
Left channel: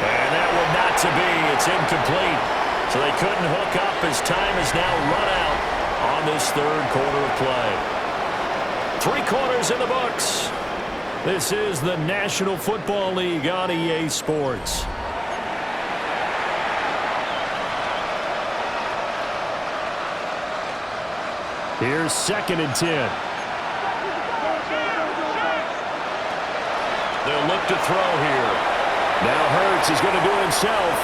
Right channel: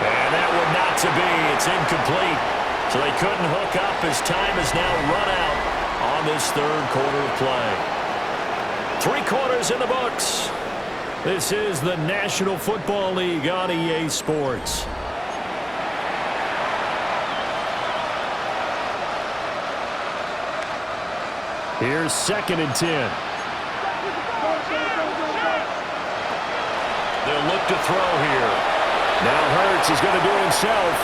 And that would not to be. It's incomplete. So they couldn't hook up as time is now run out on this third quarter of play. 3 quarters in the books. This is the National Football League on EA Sports. Here's 2nd and 10. They'll look to throw here. Now Hurts is going to do it himself.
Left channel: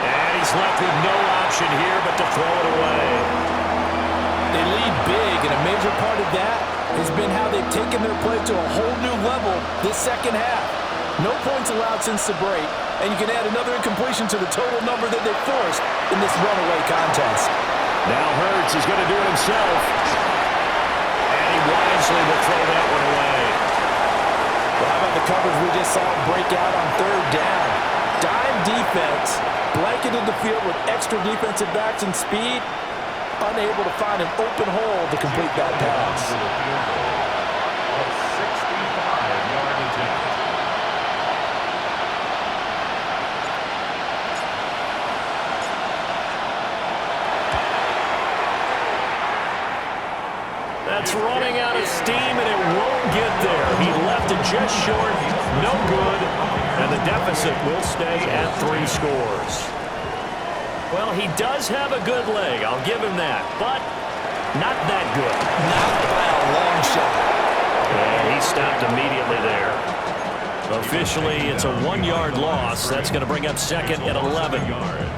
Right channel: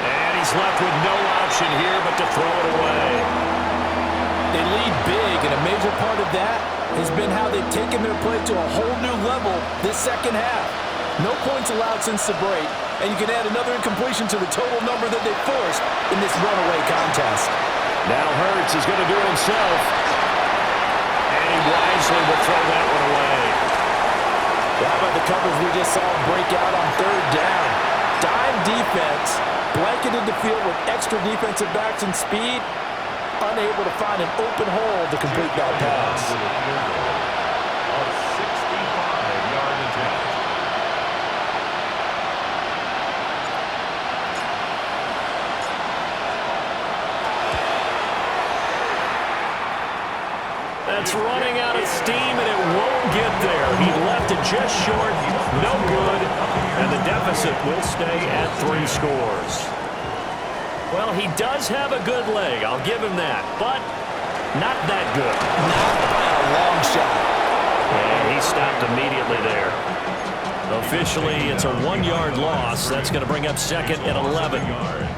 And he's left with no option here but to throw it away. They lead big, and a major part of that has been how they've taken their play to a whole new level this second half. No points allowed since the break, and you can add another incompletion to the total number that they forced in this runaway contest. Now Hurts is going to do it himself. And he wisely will throw that one away. Well, how about the coverage we just saw break out on 3rd down? Dime defense, blanketed the field with extra defensive backs and speed, unable to find an open hole to complete that pass. A 65-yard attempt. That's running out of steam, and it won't get there. He left it just short, no good, and the deficit will stay at 3 scores. Well, he does have a good leg, I'll give him that, but not that good. Not by a long shot. And he stopped immediately there. Officially, it's a 1-yard loss. That's going to bring up 2nd and 11.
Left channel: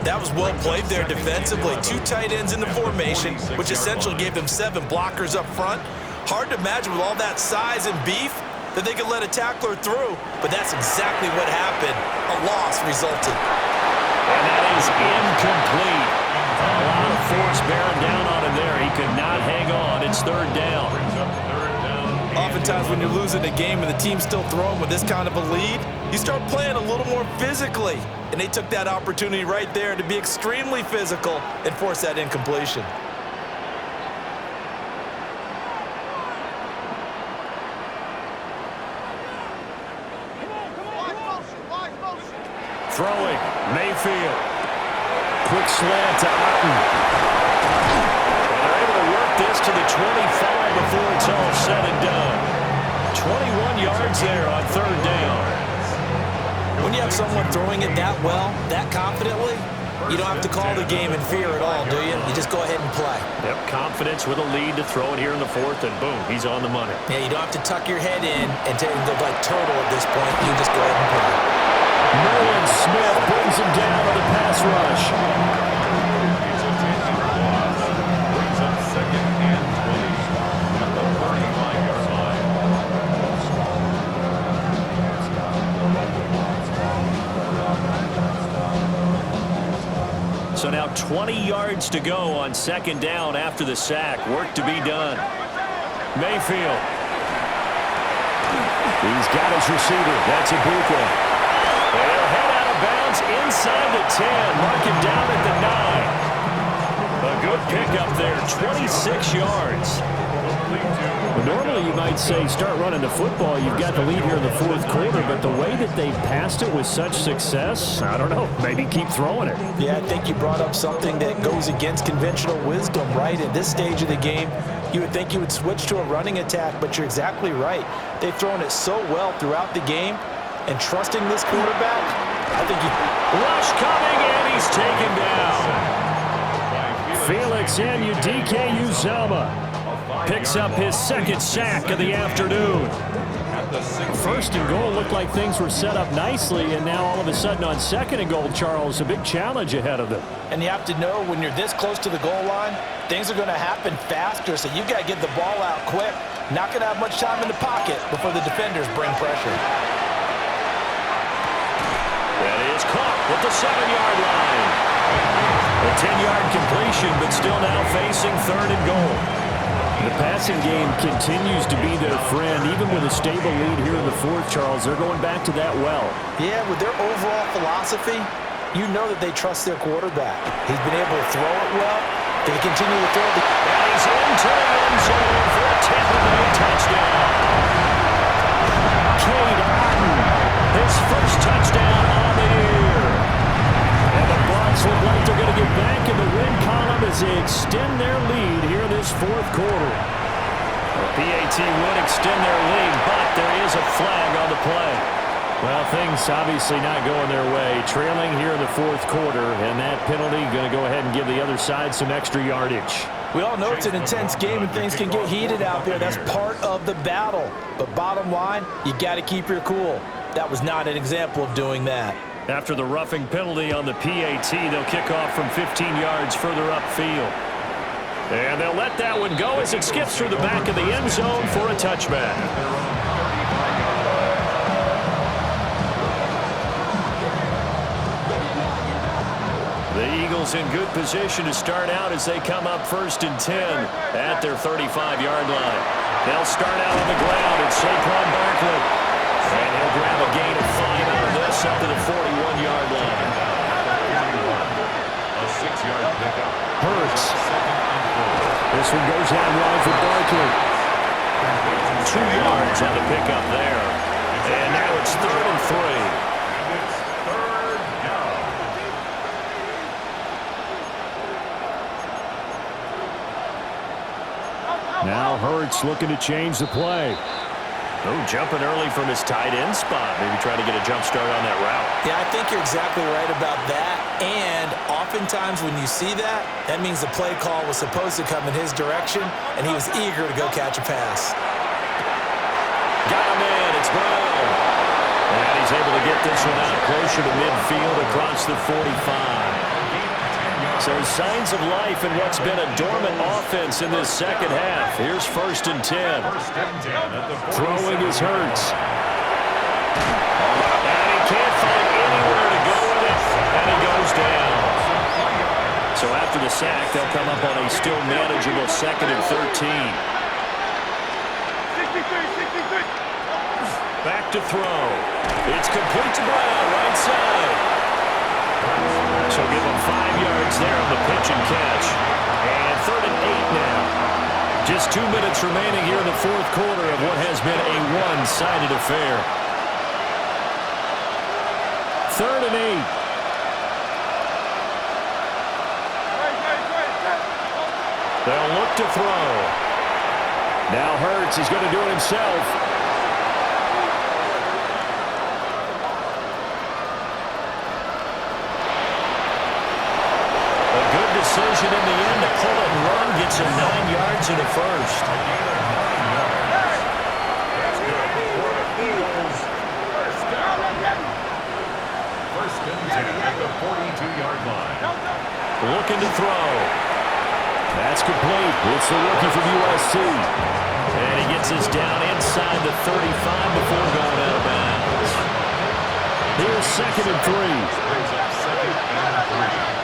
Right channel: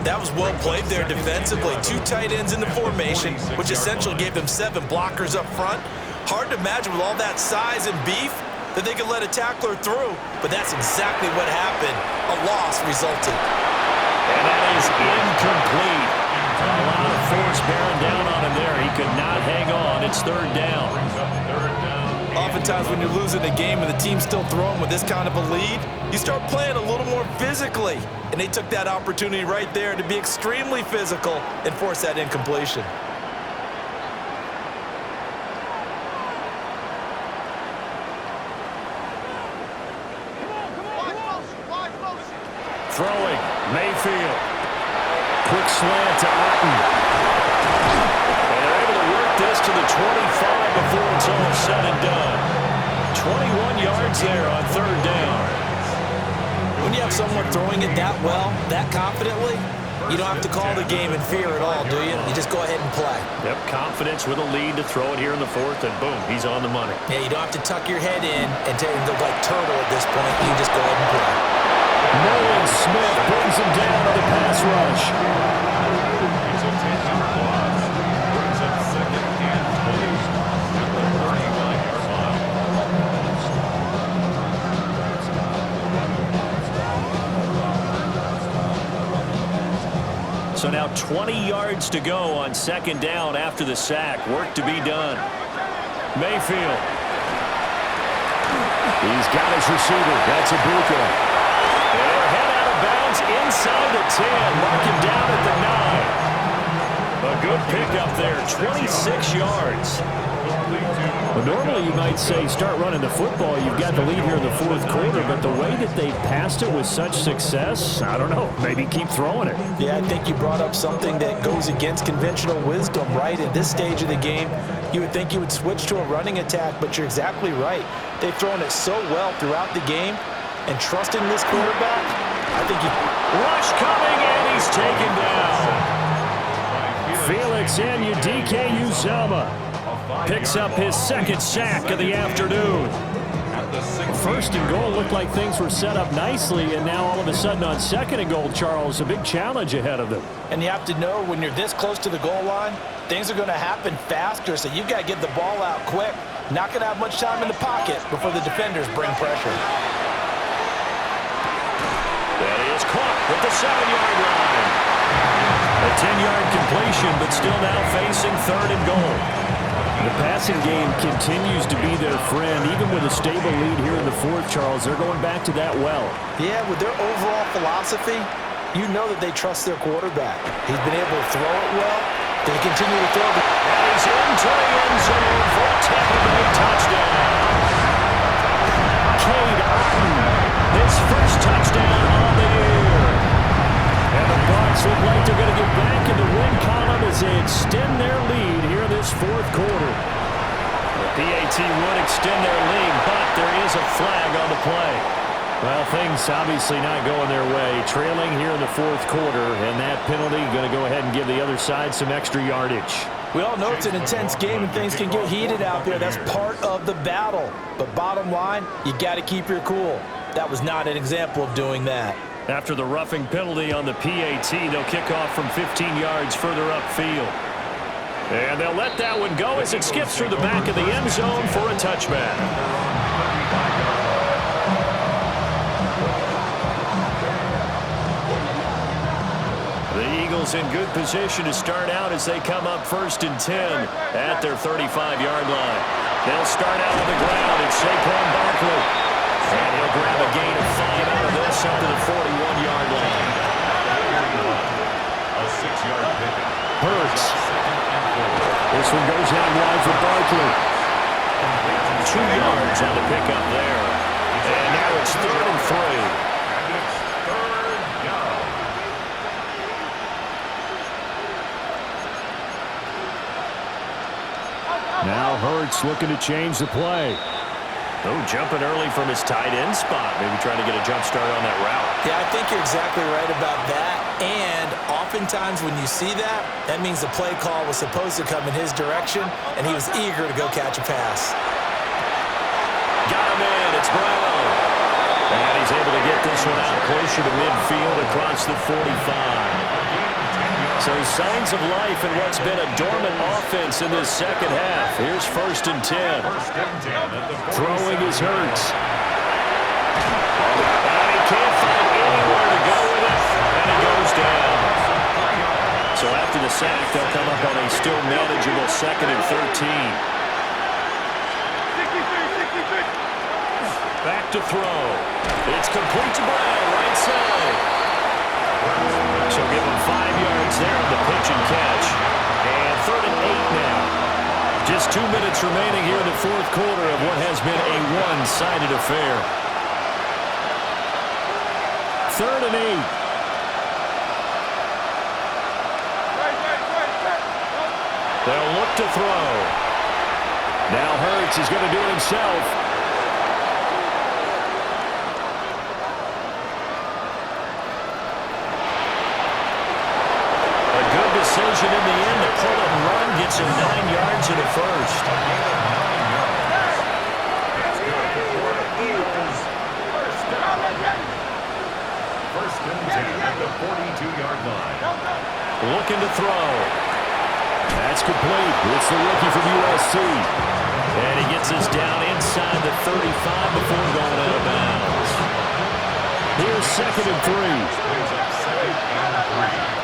That was well played there defensively. 2 tight ends in the formation, which essentially gave them 7 blockers up front. Hard to imagine with all that size and beef that they could let a tackler through, but that's exactly what happened. A loss resulted. And that is incomplete. A lot of force bearing down on him there. He could not hang on. It's 3rd down. Oftentimes when you're losing a game and the team's still throwing with this kind of a lead, you start playing a little more physically. And they took that opportunity right there to be extremely physical and force that incompletion. Throwing, Mayfield. Quick slant to Otten. And they're able to work this to the 25 before it's all said and done. 21 yards there on 3rd down. When you have someone throwing it that well, that confidently, you don't have to call the game in fear at all, do you? You just go ahead and play. Yep, confidence with a lead to throw it here in the 4th, and boom, he's on the money. Yeah, you don't have to tuck your head in and look like turtle at this point. You just go ahead and play. Nolan Smith brings him down on the pass rush. It's a 10-yard loss. Brings up 2nd and 20 at the 35-yard line. So now 20 yards to go on 2nd down after the sack. Work to be done. Mayfield. He's got his receiver. That's Ibuka. They'll head out of bounds inside the 10. Mark him down at the 9. A good pickup there, 26 yards. Well, normally you might say start running the football. You've got the lead here in the 4th quarter, but the way that they've passed it with such success, I don't know, maybe keep throwing it. Yeah, I think you brought up something that goes against conventional wisdom, right? At this stage of the game, you would think you would switch to a running attack, but you're exactly right. They've thrown it so well throughout the game, and trusting this quarterback, I think you... Rush coming, and he's taken down. Felix Anudike-Uzomah picks up his 2nd sack of the afternoon. First and goal looked like things were set up nicely, and now all of a sudden on second and goal, Charles, a big challenge ahead of them. And you have to know when you're this close to the goal line, things are going to happen faster, so you've got to get the ball out quick. Not going to have much time in the pocket before the defenders bring pressure. That is caught at the 7-yard line. A 10-yard completion, but still now facing third and goal. The passing game continues to be their friend. Even with a stable lead here in the fourth, Charles, they're going back to that well. Yeah, with their overall philosophy, you know that they trust their quarterback. He's been able to throw it well. They continue to throw the... And he's into the end zone for a Tampa Bay touchdown. Cade Otton, his first touchdown on the year. And the Bucs look like they're going to get back in the win column as they extend their lead here in this fourth quarter. The PAT would extend their lead, but there is a flag on the play. Well, things obviously not going their way. Trailing here in the fourth quarter, and that penalty going to go ahead and give the other side some extra yardage. We all know it's an intense game and things can get heated out there. That's part of the battle. But bottom line, you got to keep your cool. That was not an example of doing that. After the roughing penalty on the PAT, they'll kick off from 15 yards further upfield. And they'll let that one go as it skips through the back of the end zone for a touchback. The Eagles in good position to start out as they come up 1st and 10 at their 35-yard line. They'll start out on the ground. It's Saquon Barkley. And he'll grab a gain of 5 out of this up to the 41-yard line. A 6-yard pickup. Hurts. This one goes out wide for Barkley. 2 yards on the pickup there. And now it's 3rd and 3. And it's 3rd down. Now Hurts looking to change the play. Oh, jumping early from his tight end spot. Maybe trying to get a jump start on that route. Yeah, I think you're exactly right about that. And oftentimes when you see that, that means the play call was supposed to come in his direction, and he was eager to go catch a pass. Got him in. It's Brown. And he's able to get this one out closer to midfield across the 45. So signs of life in what's been a dormant offense in this second half. Here's 1st and 10. Throwing is Hurts. And he can't find anywhere to go with it. And he goes down. So after the sack, they'll come up on a still manageable 2nd and 13. Back to throw. It's complete to Brown, right side. So give him 5 yards there on the pitch and catch. And 3rd and 8 now. Just 2 minutes remaining here in the fourth quarter of what has been a one-sided affair. 3rd and 8. They'll look to throw. Now Hurts, he's going to do it himself. A good decision in the end to pull it and run. Gets him 9 yards and a first. A gain of 9 yards. That's good for the Eagles. First down. 1st and 10 at the 42-yard line. Looking to throw. That's complete. It's the rookie from USC. And he gets us down inside the 35 before going out of bounds. Here's 2nd and 3. Brings up 2nd and 3.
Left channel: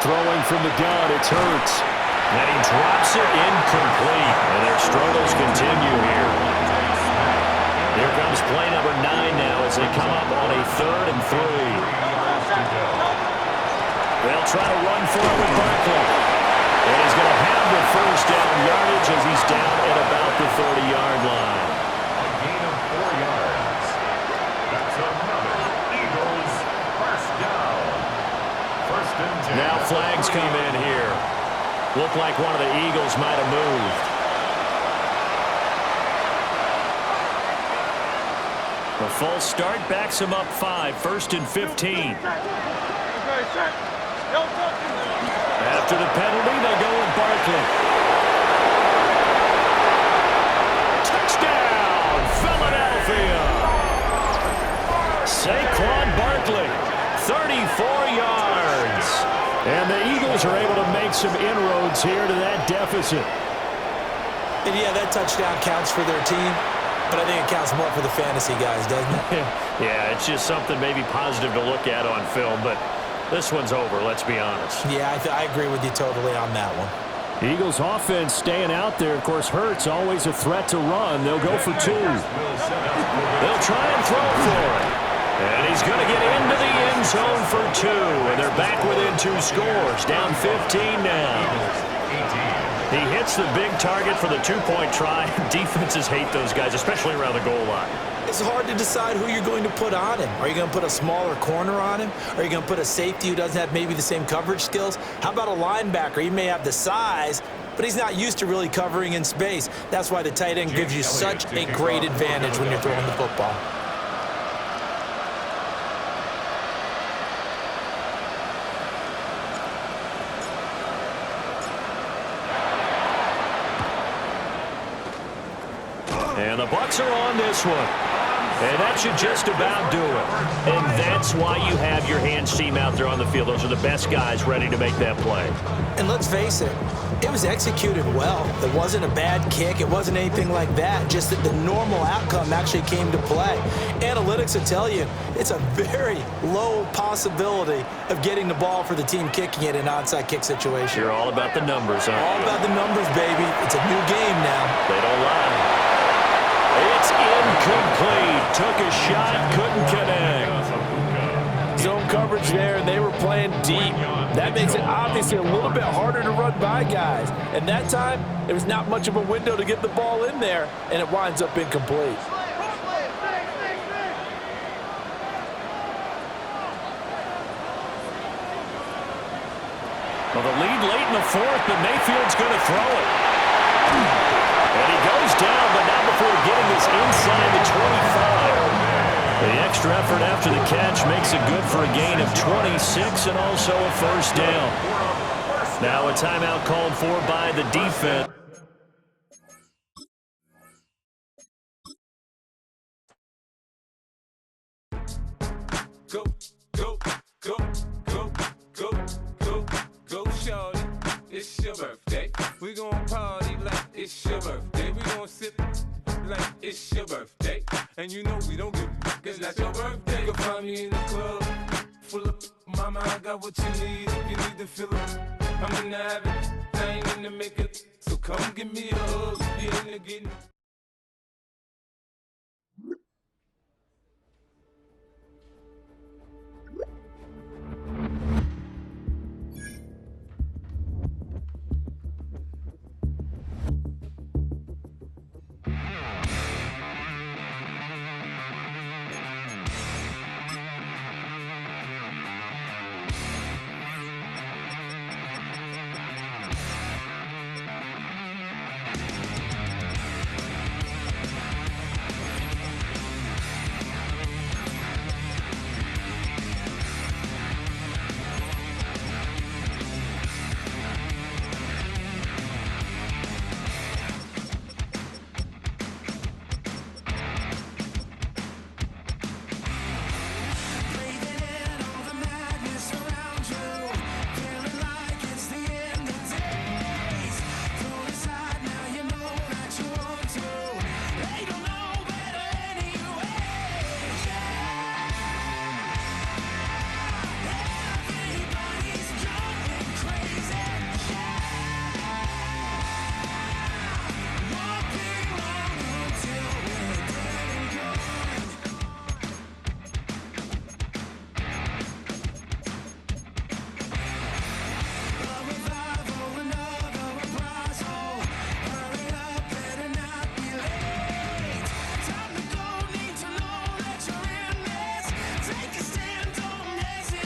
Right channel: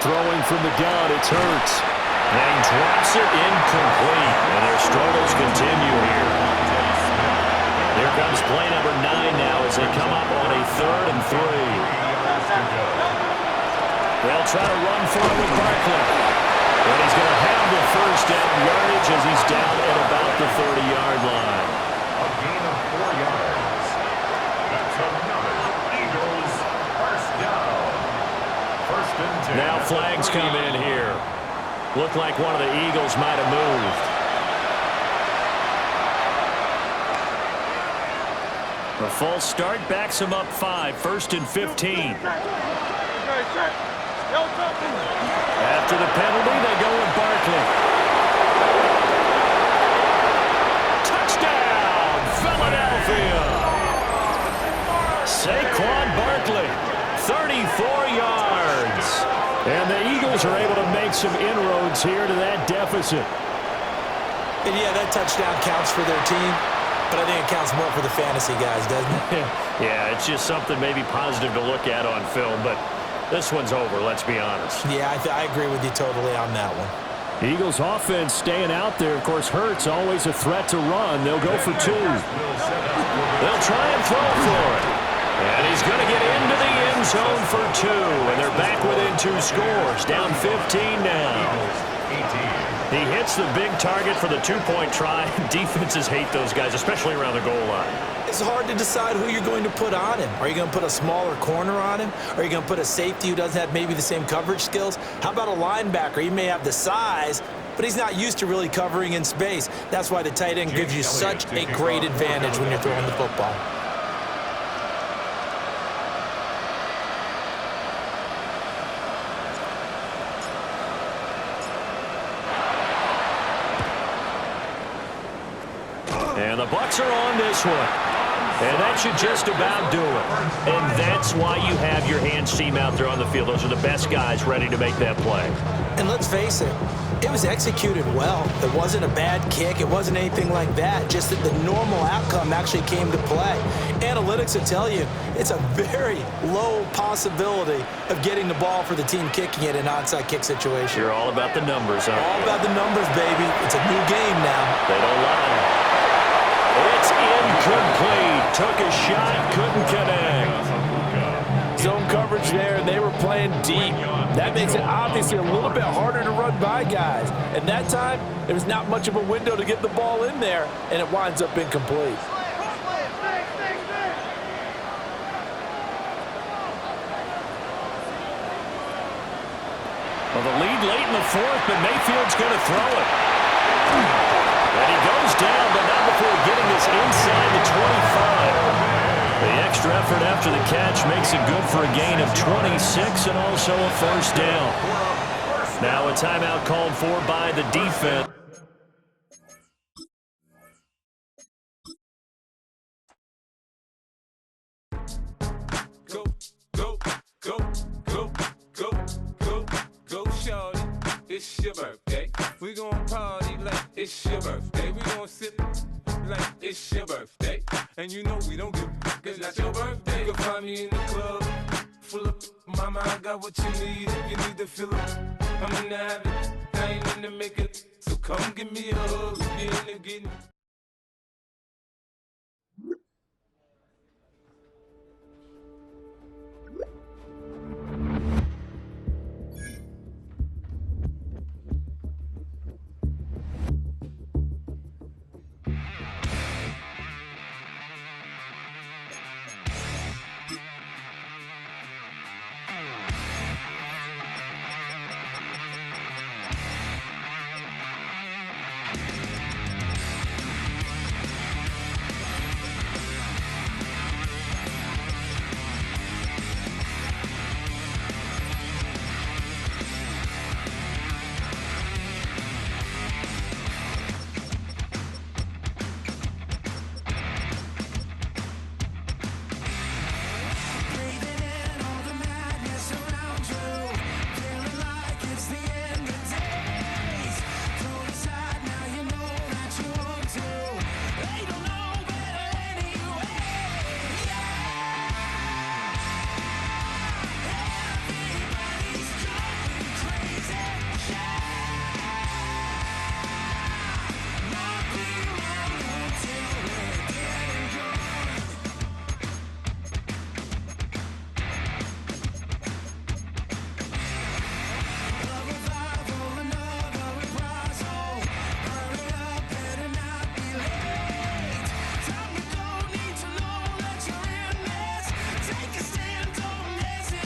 Throwing from the gun, it's Hurts. And he drops it incomplete. And their struggles continue here. Here comes play number 9 now as they come up on a 3rd and 3. They'll try to run for it with Barkley. And he's going to have the first down yardage as he's down at about the 30-yard line. A gain of 4 yards. That's another Eagles first down. 1st and 10. Now flags come in here. Looked like one of the Eagles might have moved. A false start backs him up 5. 1st and 15. After the penalty, they go with Barkley. Touchdown! Barkley, 34 yards. And the Eagles are able to make some inroads here to that deficit. And yeah, that touchdown counts for their team, but I think it counts more for the fantasy guys, doesn't it? Yeah, it's just something maybe positive to look at on film, but this one's over, let's be honest. Yeah, I agree with you totally on that one. Eagles offense staying out there. Of course, Hurts always a threat to run. They'll go for 2. They'll try and throw for it. And he's going to get into the end zone for 2. And they're back within 2 scores. Down 15 now. He hits the big target for the 2-point try. Defenses hate those guys, especially around the goal line. It's hard to decide who you're going to put on him. Are you going to put a smaller corner on him? Are you going to put a safety who doesn't have maybe the same coverage skills? How about a linebacker? He may have the size, but he's not used to really covering in space. That's why the tight end gives you such a great advantage when you're throwing the football. And the Bucs are on this one. And that should just about do it. And that's why you have your hands team out there on the field. Those are the best guys ready to make that play. And let's face it, it was executed well. It wasn't a bad kick. It wasn't anything like that. Just that the normal outcome actually came to play. Analytics will tell you it's a very low possibility of getting the ball for the team kicking it in an onside kick situation. You're all about the numbers, aren't you? All about the numbers, baby. It's a new game now. They don't lie. It's incomplete. Took a shot, couldn't connect. Zone coverage there, and they were playing deep. That makes it obviously a little bit harder to run by guys. And that time, there was not much of a window to get the ball in there, and it winds up incomplete. Well, the lead late in the 4th, but Mayfield's going to throw it. And he goes down, but not before getting this inside the 25. The extra effort after the catch makes it good for a gain of 26 and also a first down. Now a timeout called for by the defense. Go, go, go, go, go, go, go, shorty. It's your birthday. We gon' party like it's your birthday. We gon' sip like it's your birthday. And you know we don't give a cause that's your birthday. You can find me in the club, full of mama, I got what you need if you need to fill up. I'm in the habit, I ain't in the makeup, so come give me a hug. If you're in the getting